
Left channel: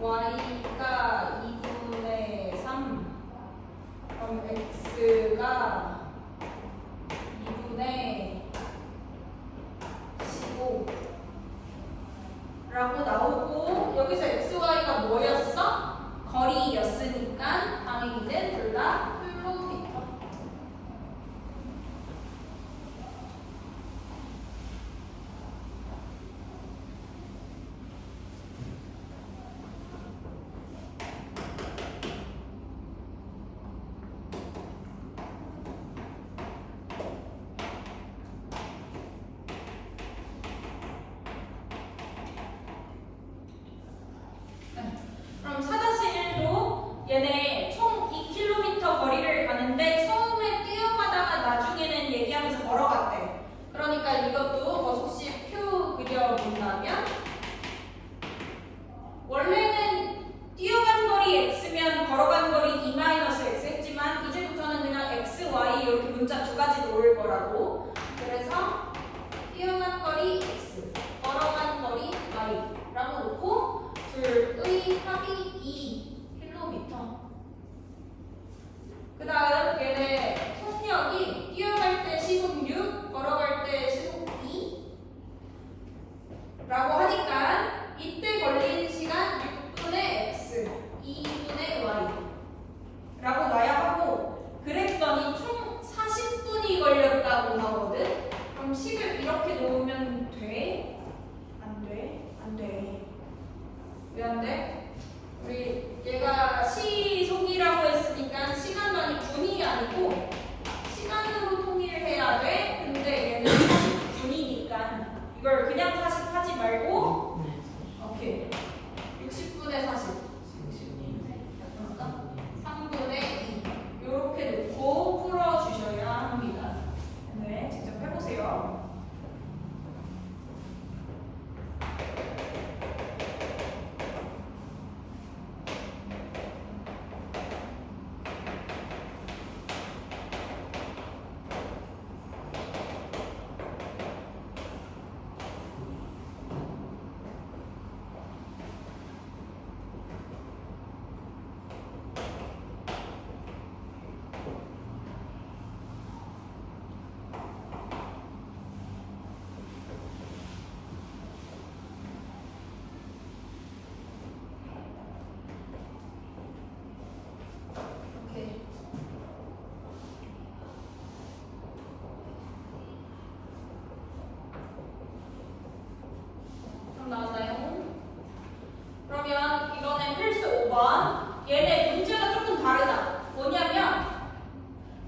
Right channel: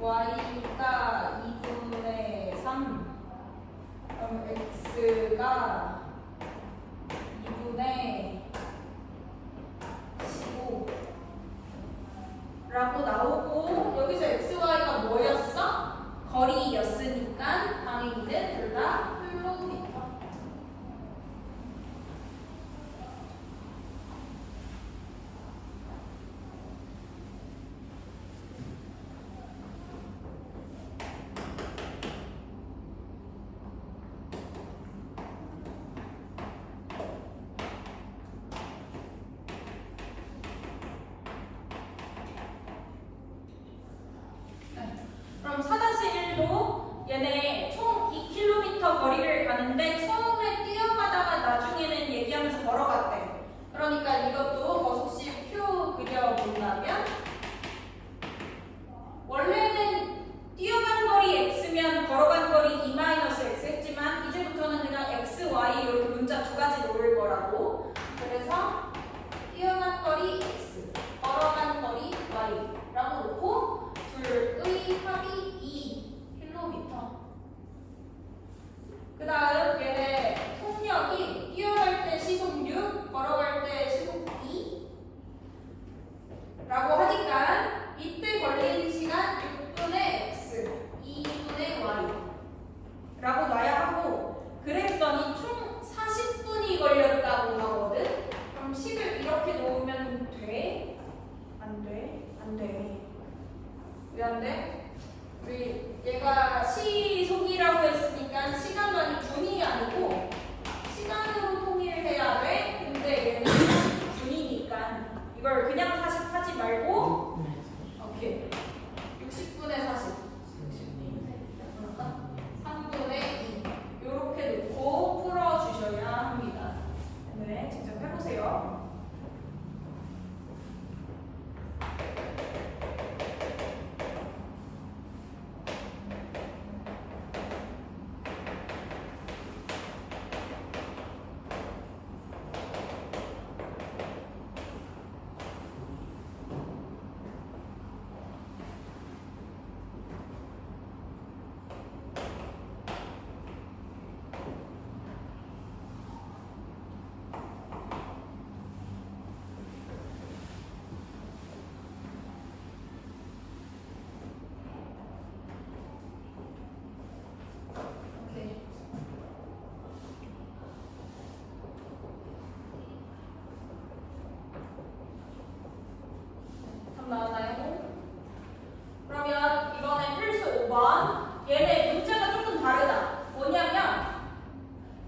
y가 2분의 3 그럼 x가 2분의 15 라고 나오고 여기서 x, y가 뭐였어? 거리였으니까 당연히는 둘 다 킬로미터. 그럼 4-1도 얘네 총 2km 거리를 가는데 처음에 뛰어가다가 나중에는 얘기하면서 걸어갔대. 그러니까 이것도 버섯씨 표 그려본다면 원래는 뛰어간 거리 x면 걸어간 거리 2-x 했지만 이제부터는 그냥 x, y 이렇게 문자 두 가지 놓을 거라고. 그래서 뛰어간 거리 x y라고 놓고 둘의 합이 2km. 그 다음 얘네 속력이 뛰어갈 때 시속 6, 걸어갈 때 시속 2 라고 하니까 이때 걸리는 시간 6분의 x, 2분의 y 라고 놔야 하고, 그랬더니 총 40분이 걸렸다고 나오거든. 그럼 식을 이렇게 놓으면 돼? 안 돼? 안 돼. 왜 안 돼? 우리 얘가 시속이라고 했으니까 시간만이 분이 아니고 시간으로 통일해야 돼. 근데 얘는 분이니까 이걸 그냥 40 하지 말고 오케이 60분의 40 3분의 2 이렇게 놓고 풀어주셔야 합니다. 네, 직접 해보세요. 오케이. 답 나왔나요? 그러면 이번엔 필수 5번. 얘네 문제가 조금 다르다. 뭐냐면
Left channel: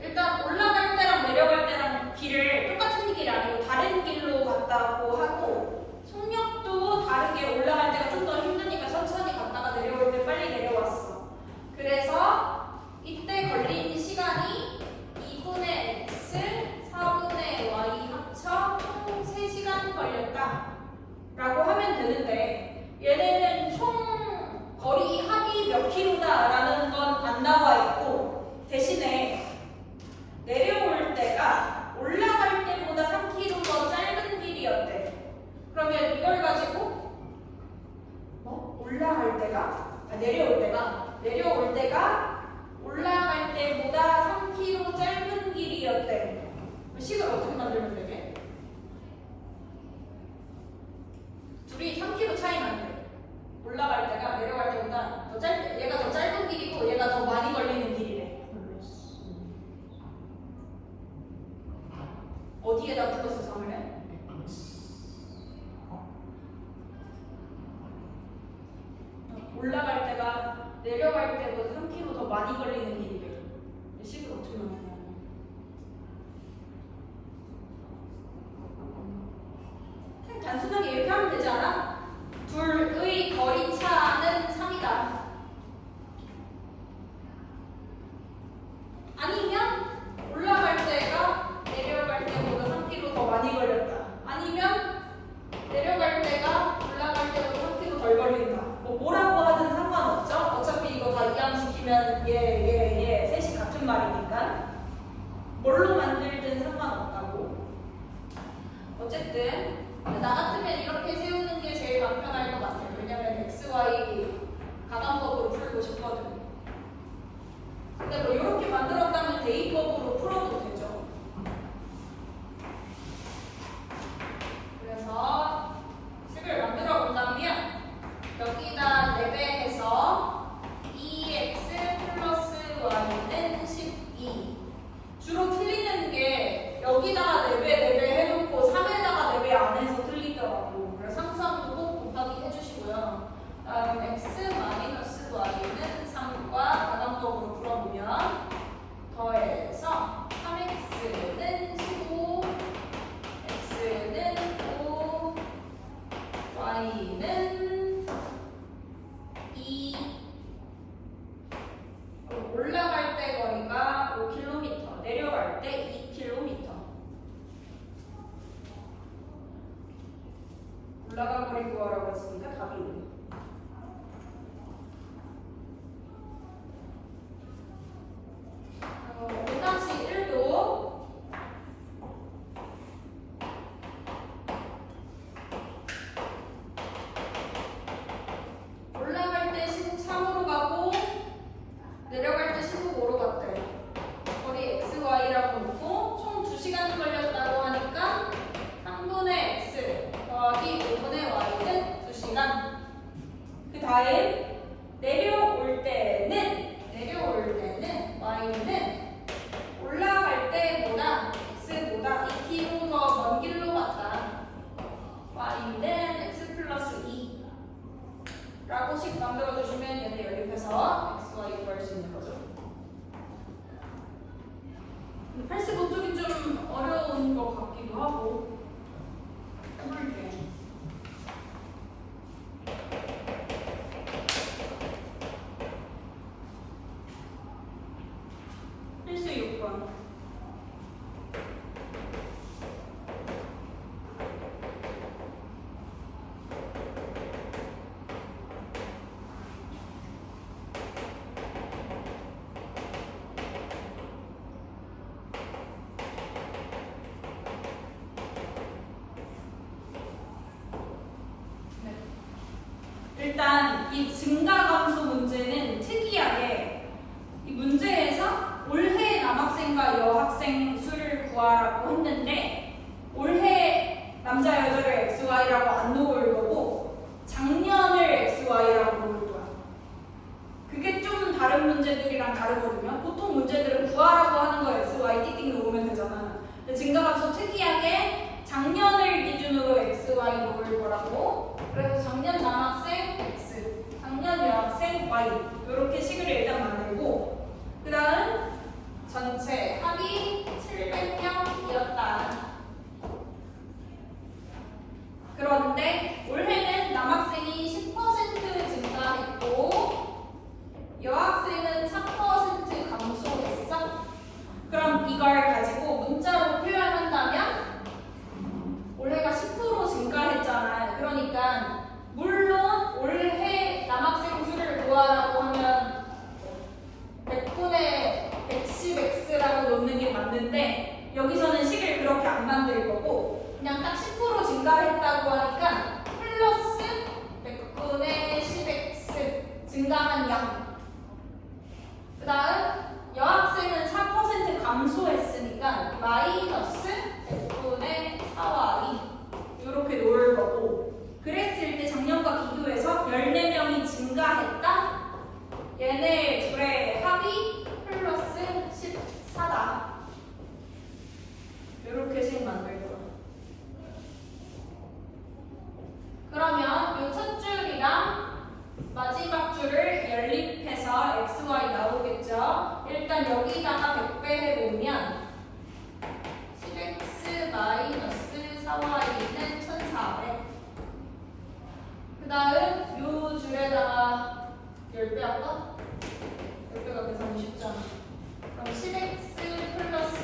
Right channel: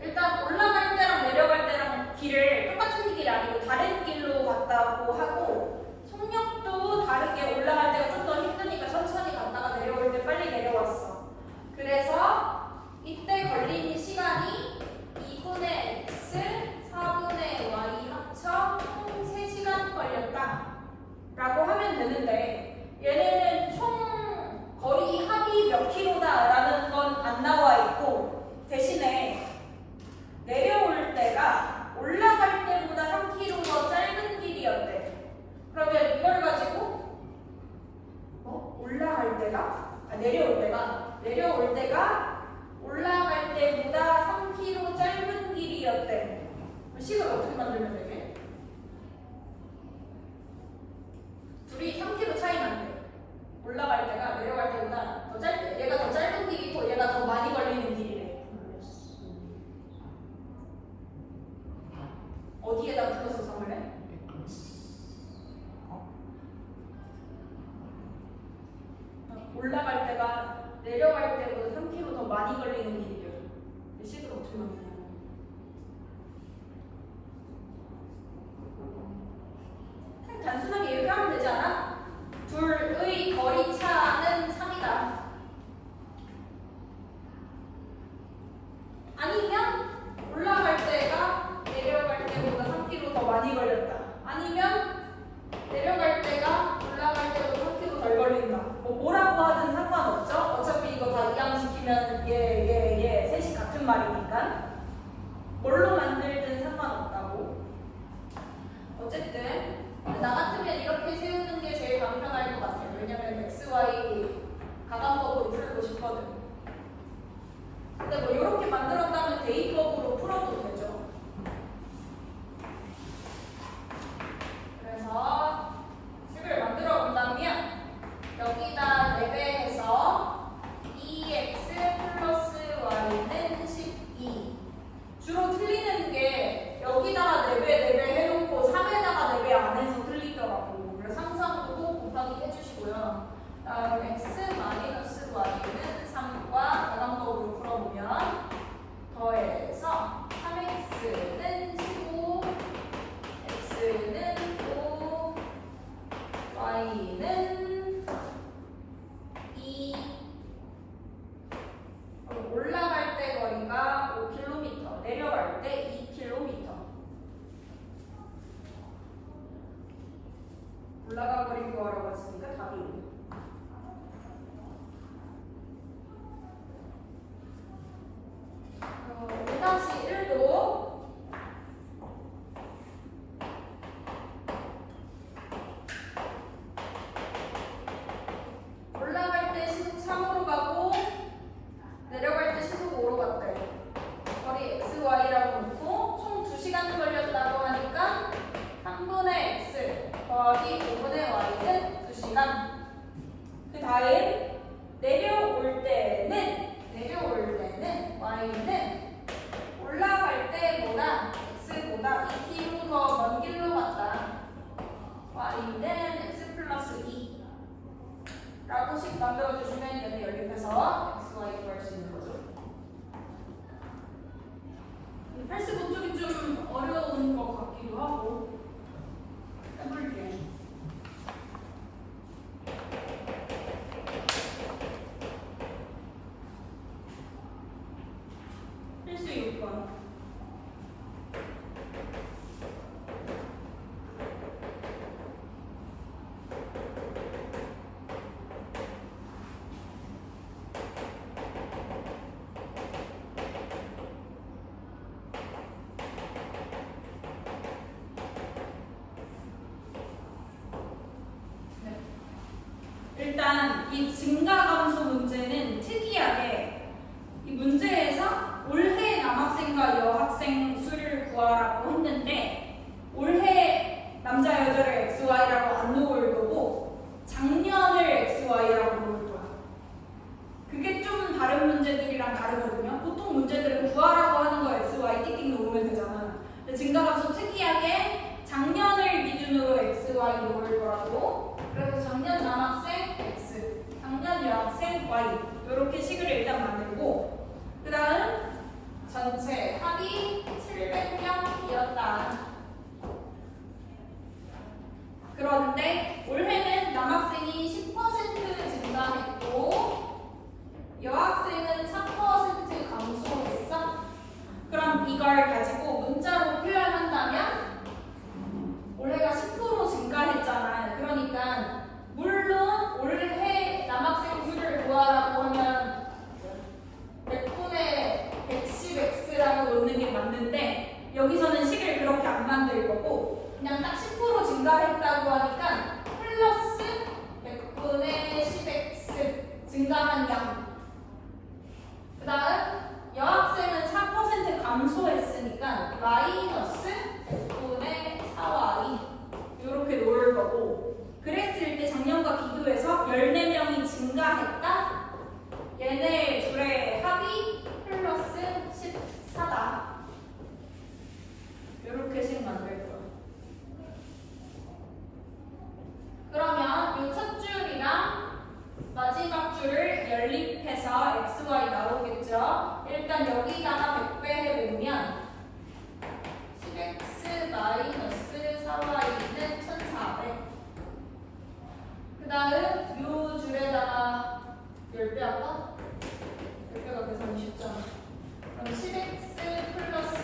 일단 올라갈 때랑 내려갈 때랑 길을 똑같은 길이 아니고 다른 길로 갔다고 하고, 속력도 다르게 올라갈 때가 좀 더 힘드니까 천천히 갔다가 내려올 때 빨리 내려왔어. 그래서 이때 걸린 시간이 2분의 x, 4분의 y 합쳐 총 3시간 걸렸다 라고 하면 되는데, 얘네는 총 거리 합이 몇 킬로다 라는 건 안 나와 있고, 대신에 내려올 때가 올라갈 때보다 3km 더 짧은 길이었대. 그러면 이걸 가지고 올라갈 때가 내려올 때가 올라갈 때보다 3km 짧은 길이었대. 식을 어떻게 만들면 되게? 둘이 3km 차이 난대. 올라갈 때가 내려갈 때보다 더 짧대. 얘가 더 짧은 길이고 얘가 더 많이 걸리는 길이래. 어디에다 플러스 3을 해? 올라갈 때가 내려갈 때보다 3km 더 많이 걸리는 길이래. 식을 어떻게 만드냐? 그냥 단순하게 이렇게 하면 되지 않아? 둘의 거리 차는 3이다. 아니면 올라갈 때가 내려갈 때보다 3km 더 많이 걸렸다. 아니면 내려갈 때가 올라갈 때보다 3km 덜 걸린다. 뭐라고 하든 상관없죠. 어차피 이거 다 이항시키면 얘 셋이 같은 말이니까 뭘로 만들든 상관없다고. 어쨌든 나 같으면 이렇게 세우는 게 제일 간편할 것 같아요. 왜냐면 x, y 가감법으로 풀고 싶거든. 근데 뭐 이렇게 만들었다면 대입법으로 풀어도 되죠. 그래서 식을 만들어 본다면 여기다 4배해서 2x 플러스 y는 12. 주로 틀리는 게 여기다가 4배 해놓고 3에다가 4배 안 해서 틀리더라고. 그래서 항상 꼭 곱하기 해주시고요. 다음 x 마이너스 y는 3과 가감법으로 풀어보면 더해서 3x는 15, x는 5, y는 2. 올라갈 때 거리가 5km, 내려갈 때 2km. 올라간 거리 구하라고 했으니까 답이 5. 다시 1도 더하기 5분의 y는 2시간. 그 다음 내려올 때는 y는 올라갈 때보다 x보다 2km 더 먼 길로 갔다. y는 x 플러스 2 라고씩 만들어주시면 얘네 연립해서 x, y 구할 수 있는 거죠. 근데 85쪽이 좀 어려운 것 같기도 하고 해볼게요. 필수 6번. 일단 이 증가 감소 문제는 특이하게 이 문제에서 올해 남학생과 여학생 수를 구하라고 했는데 올해 남자 여자를 XY라고 안 놓을 거고 작년을 XY라고 놓을 거야. 그게 조금 다른 문제들이랑 다르거든요. 보통 문제들은 구하라고 하는 거 XY 띠띵 놓으면 되잖아. 근데 증가 감소 특이하게 작년을 기준으로 XY 놓을 거라고. 그래서 작년 남학생 X, 작년 여학생 Y 이렇게 식을 일단 만들고 그 다음 전체 합이 700명이었다. 그런데 올해는 남학생이 10% 증가했고 여학생은 3% 감소했어. 그럼 이걸 가지고 문자로 표현한다면 올해가 10% 증가했잖아요. 그러니까 물론 올해 남학생 수를 구하라고 하면 100분의 110x라고 놓는 게 맞는데 여기서는 식을 그렇게 안 만들 거고 그냥 딱 10% 증가했다고 하니까 플러스 100분의 10x 증가한 양. 그 다음 여학생은 4% 감소했으니까 마이너스 100분의 4y 이렇게 놓을 거고 그랬을 때 작년과 비교해서 14명이 증가했다. 얘네 둘의 합이 플러스 14다. 이렇게 식 만들 거야. 그러면 이 첫 줄이랑 마지막 줄을 연립해서 xy 나오겠죠. 일단 여기다가 100배 해보면 10x 마이너스 4y는 1400. 그 다음 요 줄에다가 10배 할까? 10배가 계산이 쉽잖아. 그럼 10x 플러스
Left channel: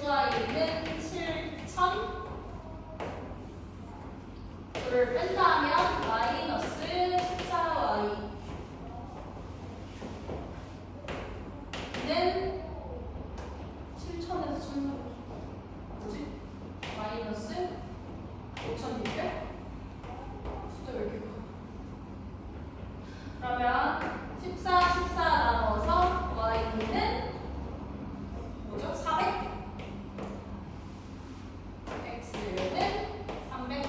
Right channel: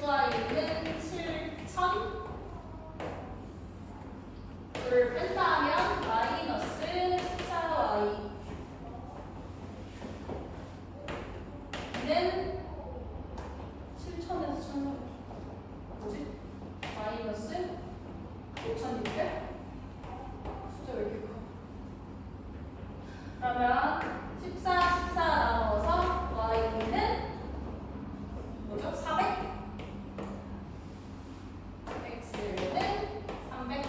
10y는 7000. 를 뺀다 하면 마이너스 14y 는 7000에서 1000 뭐지? 마이너스 5600? 숫자 왜 이렇게 커? 그러면 14, 14 나눠서 y는 뭐죠? 400? x는 300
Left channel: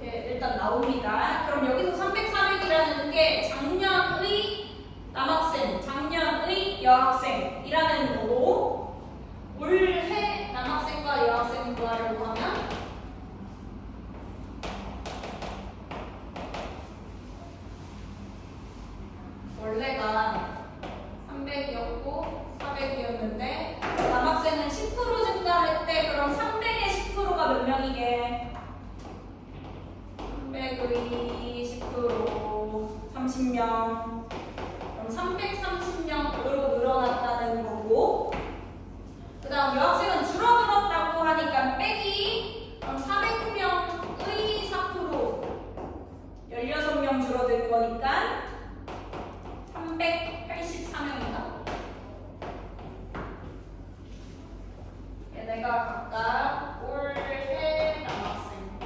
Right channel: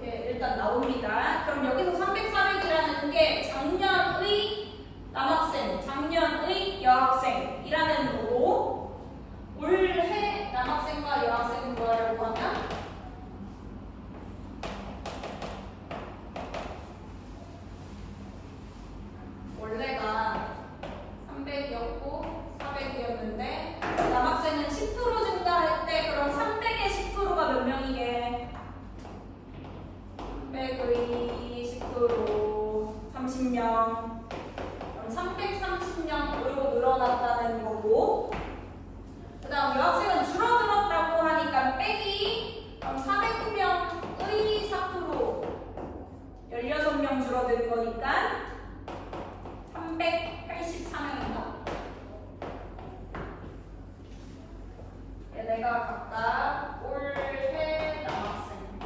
이렇게 일단 나옵니다. 그럼 여기서 300, 400이라는 게 작년의 남학생, 작년의 여학생이라는 거고 올해 남학생과 여학생 구하려고 하면 원래가 300이었고 400이었는데 남학생은 10% 증가했대. 그럼 300의 10%가 몇 명이게? 300의 10% 30명. 그럼 330명으로 늘어났다는 거고 그 다음 여학생은 줄어들었다고 하니까 빼기 그럼 400명의 4% 16명 줄어든 거니까 384명이다. 얘네가 각각 올해 남학생,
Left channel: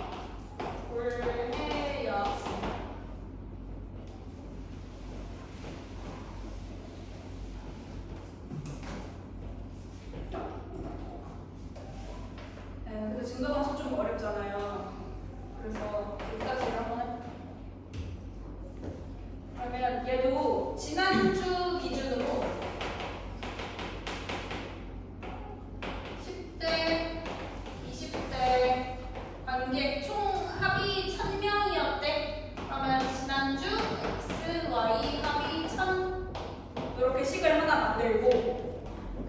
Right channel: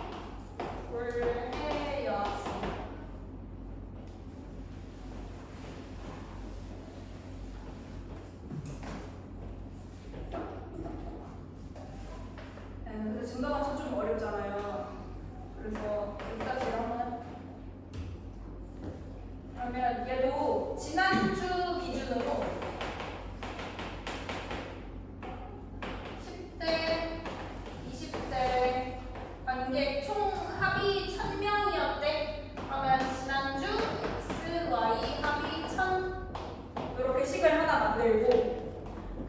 올해 여학생. 근데 증가감소 좀 어렵잖아요. 합이 1000명이었대. 그러면 지난주 x, y 합이 1000 이렇게 식을 하나 만들고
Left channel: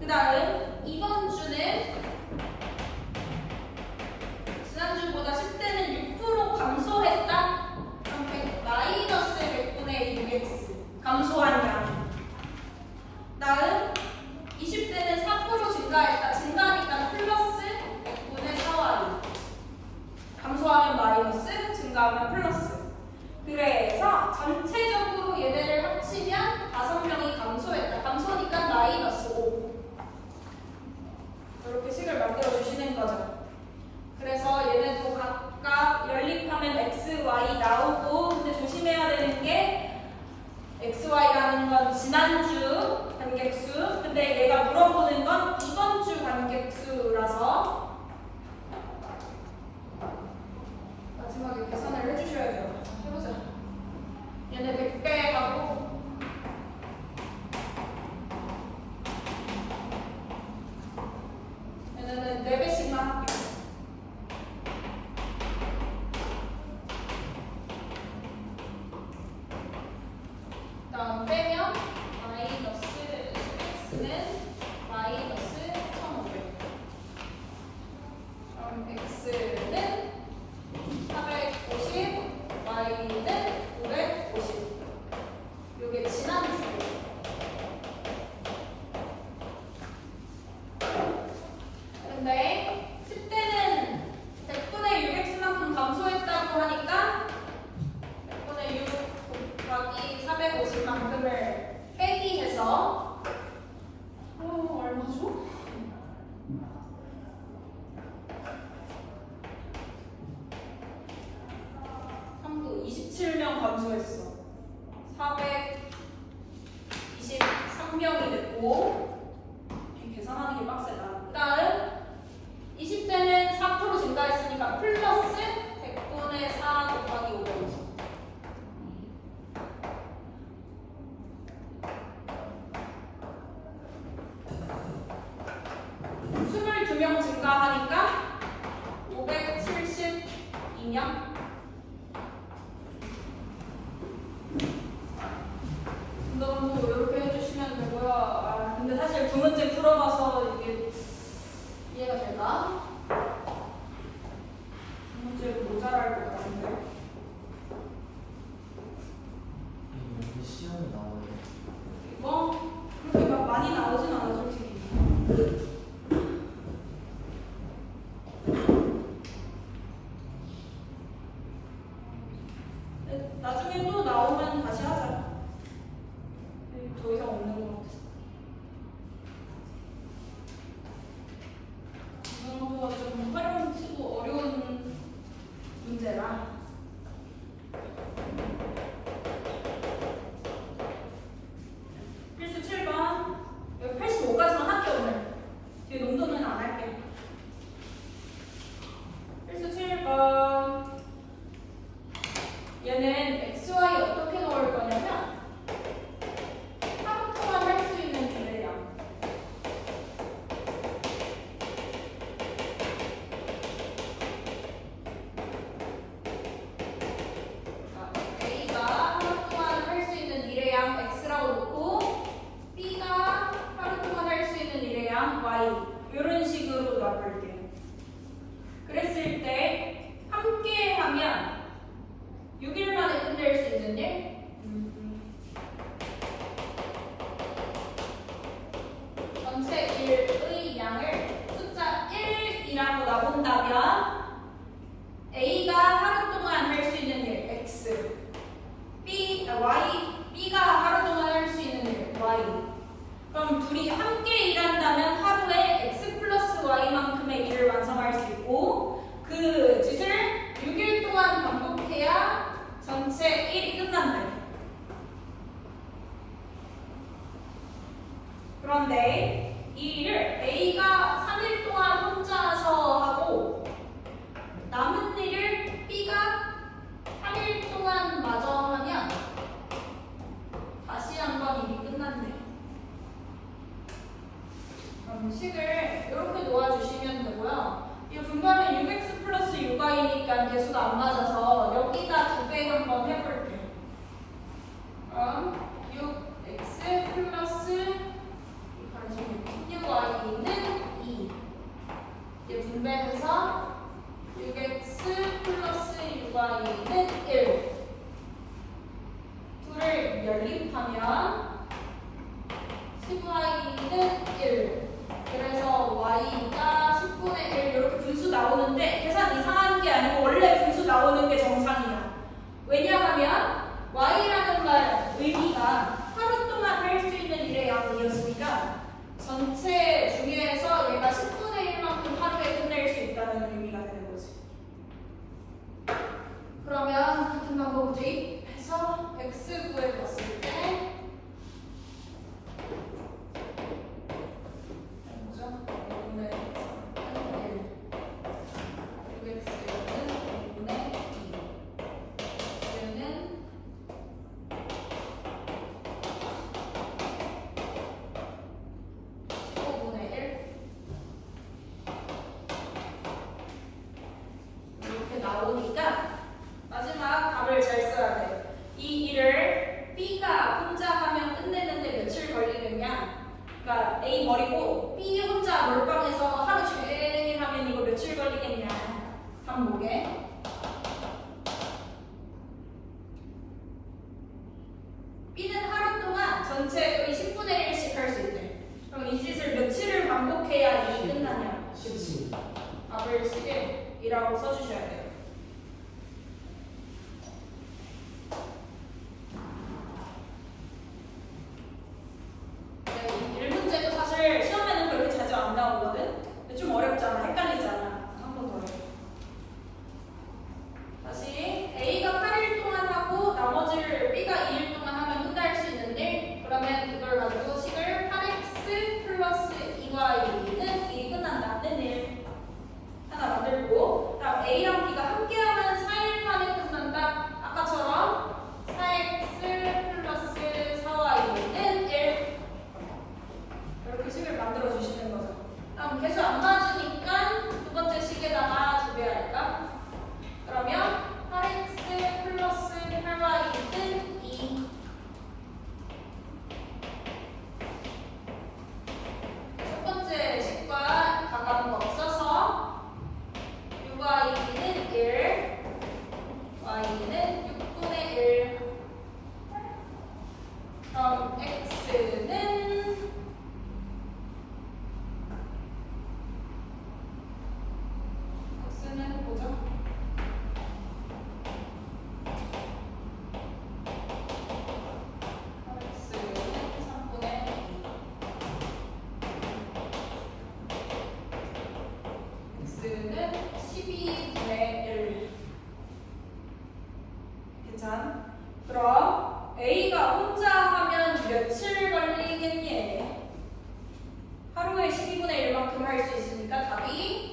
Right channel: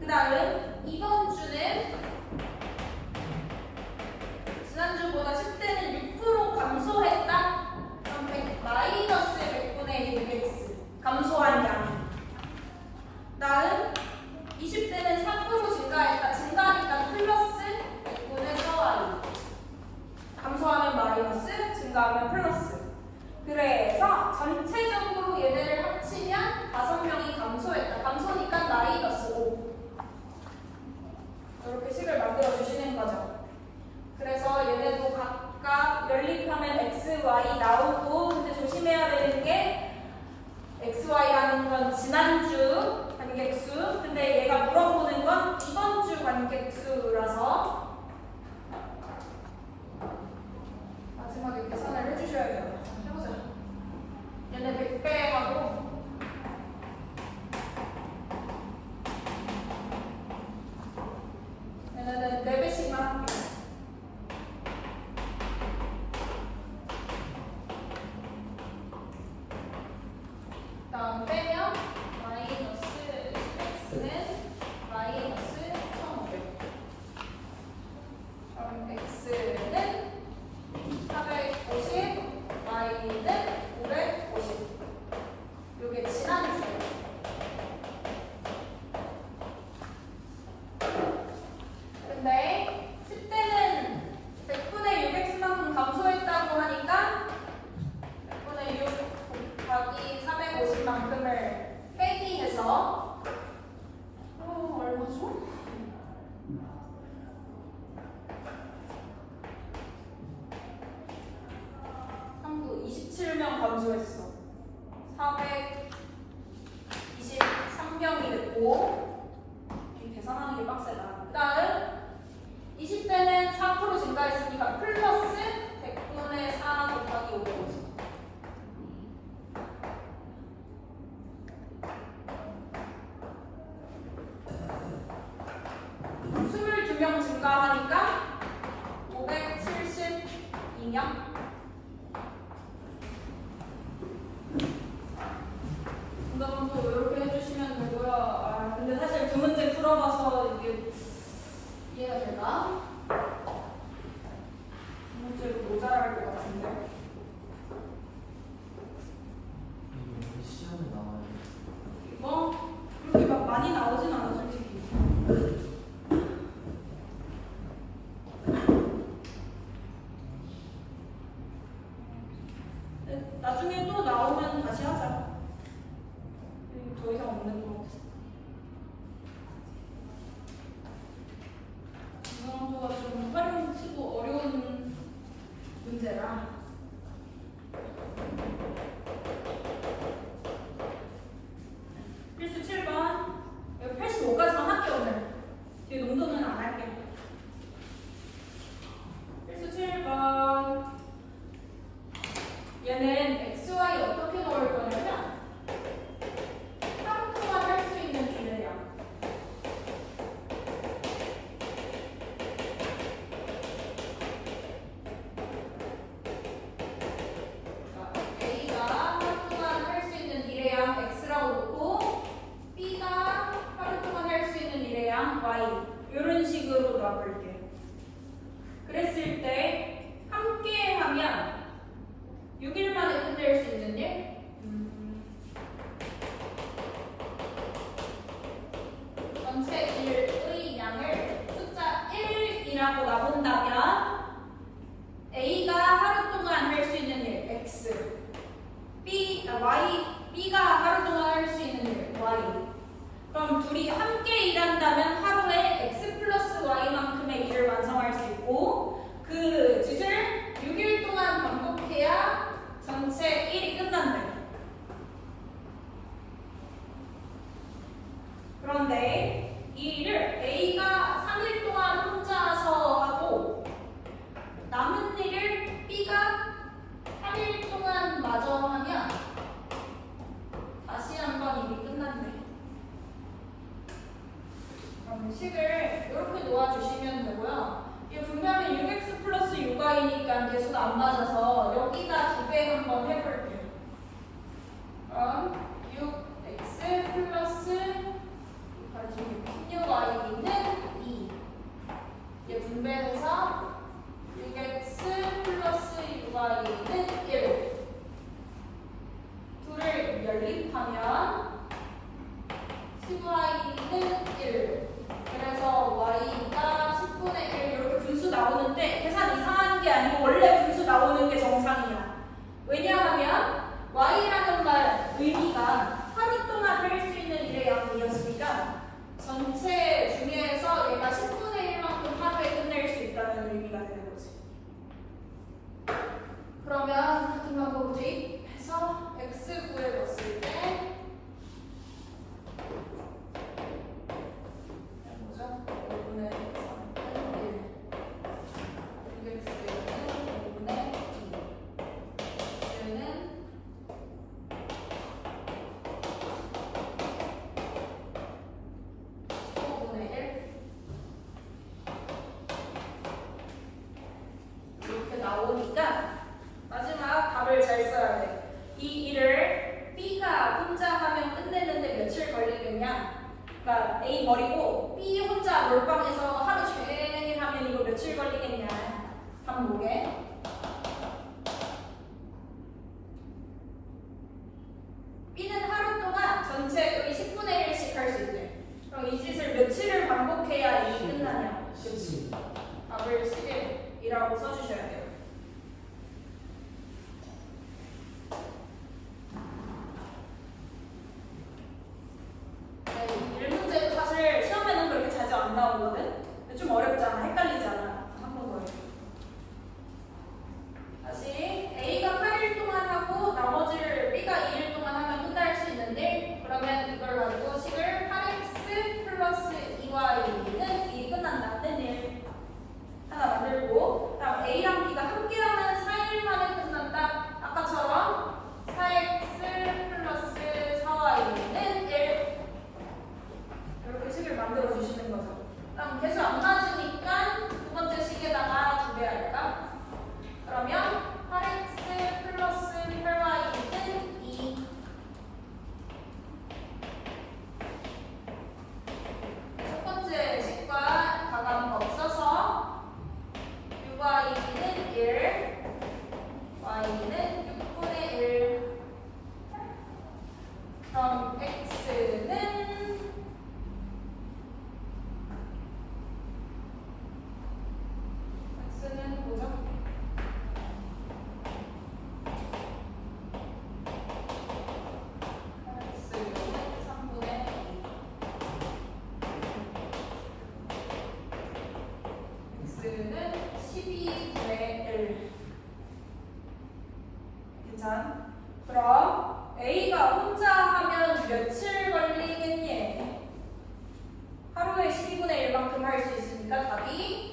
그 다음 이번 주는 지난주보다 10대는 6% 감소했다. 그럼 100 마이너스 100분의 6x 감소한 양. 다음 20대는 4% 증가했다. 증가하니까 플러스 100분의 4y. 감소하면 마이너스, 증가하면 플러스. 그래서 전체적으로 얘네를 합치면 5명이 감소했다. 감소니까 마이너스 5. 이렇게 식을 만들어 주시는 거죠. 그래서 얘네도 각각 연립하면 x, y 나오고 근데 조심해야 되는 게 x, y라는 건 지난주 관객수 근데 얘가 물어보는 건 이번 주 관객수라서 마지막에 계산을 해주셔야 돼요. 해보자. 얘네 100배 하고 얘네는 4배씩만 할게요. 다음 빼면 마이너스 x는 마이너스 1500. 그럼 x는 450, y는 550. 요게 지난주. 근데 10대는 100분의 6x만큼 감소했다고 하니까 100분의 6 곱하기 450만큼을 빼기해서 얼마죠? 3구 27명 감소했어. 423명이 됐고 이 계산하는 게 빡세다. 그 다음 20대는 4% 증가했으니까 플러스 100분의 4 곱하기 550. 22명 증가하니까 572명. 분담수 이렇게 해주시면 되고요. 아, 근데 사실 두 문제 풀어봐서 이게 이해가 될까? 두 문제로 모자랄 것 같은데. 시험이 나와요. 뭐 그렇게 막 많이 나오진 않아 솔직히. 나중에 또 나오면 다시 하자. 더 이상 없는 것 같아. 이 정도가 좀 활용치고 어려운 문제라. 필수 7번. 여기 85까지만 할게 오늘. 뒤에 농도는 안 할게. 필수 7번. 얘는 XY 어떻게 넣을 거냐면 하루 동안 할 수 있는 비례량. A가 하루 동안 할 수 있는 비례량 X라고 놓고 B가 하루 동안 할 수 있는 비례량 Y 이런 식으로 놔볼게요. 그랬을 때 함께 하면 6일 만에 끝낼 수 있는 일? 전체 일의 양을 숫자 1이라고 놔본다면 A가 하루 동안 할 수 있는 일 X B가 하루 동안 할 수 있는 일 Y 그럼 둘이 함께 일한다면 하루에 X 플러스 Y만큼의 일을 완성할 수 있고 그 짓을 6일 동안 반복해야 전체 1이 끝난다. 그런데 이 일을 A가 3일 동안 혼자서 하고 남은 일을 B가 3일 동안 마저 하면 다시 한번 일이 끝났네. 그럼 식을 이렇게 놓아주시면 되고요. 이게 분명히 6x 플러스 6y니까 계속 여기서도 안 맞아서 여기다 두 배 한번 해볼게요. 그럼 6x 플러스 6y는 2. 이제 분배해서 6x 플러스 6y는 1. 둘을 연립하면 10y는 1. 그래서 y가 10분의 1 이렇게 분수 나오는데 계산 이상한 게 아니고 원래 분수 나오는 게 정상이야. 왜냐하면 y라는 말 의미가 하루 동안 할 수 있는 일의 양이었으니까 전체 중에서 얘가 10분의 1만큼 하루에 끝낼 수 있다는 의미가 되는 거지. 그러면 같은 방법을 대입해서 x 구해봤을 때 뭐죠? 5분의 3은 1 6x는 5분의 2 x는 15분의 1 이렇게 나오니까 마지막 답을 잘 써야 돼. 이 일을 B가 혼자 하면 끝내는데 며칠 걸리겠냐? 그러니까 A 버리고 B 혼자 몰빵해서 하루 종일 하면 이거 며칠 걸리겠냐? 한번 보게. B는 하루 동안 전체 여기 10분의 1씩 할 수 있대. 그럼 이 짓을 며칠을 반복해야 일이 끝나냐? 10. 답을 10일이라고 써주셔야 돼요. 네, 1문제도 사실 시험에는 그렇게 자주 안 나오거든? 근데 좀 어렵잖아. 헷갈리잖아. 한 번 더 해. 다시 A가 8일 동안 하고 나머지를 B가 2일 동안 하면 끝날 수 있는데 그러면 이걸 가지고 식을 8x 플러스 2y는 이게 끝난다는 일 하나 만들고 그다음 A랑 B가 함께하면 4일 만에 끝난다. 아까처럼 4x 플러스 4y는 1 이렇게 식을 만들어 주시는 거죠. 그럼 계속 안 맞으니까 두 번째 식에다가 두 배 할까? 그러면 8x 플러스 8y는 2. 첫 번째 식과 가감법 써서 6y는 1, y는 6분의 1. 그럼 x는 뭐죠? x는 3분의 2. x는 12분의 1. 괜찮? 그럼 A가 혼자 하면 며칠 걸리겠니? 하루에 12분의 1만큼 할 수 있으니까 답이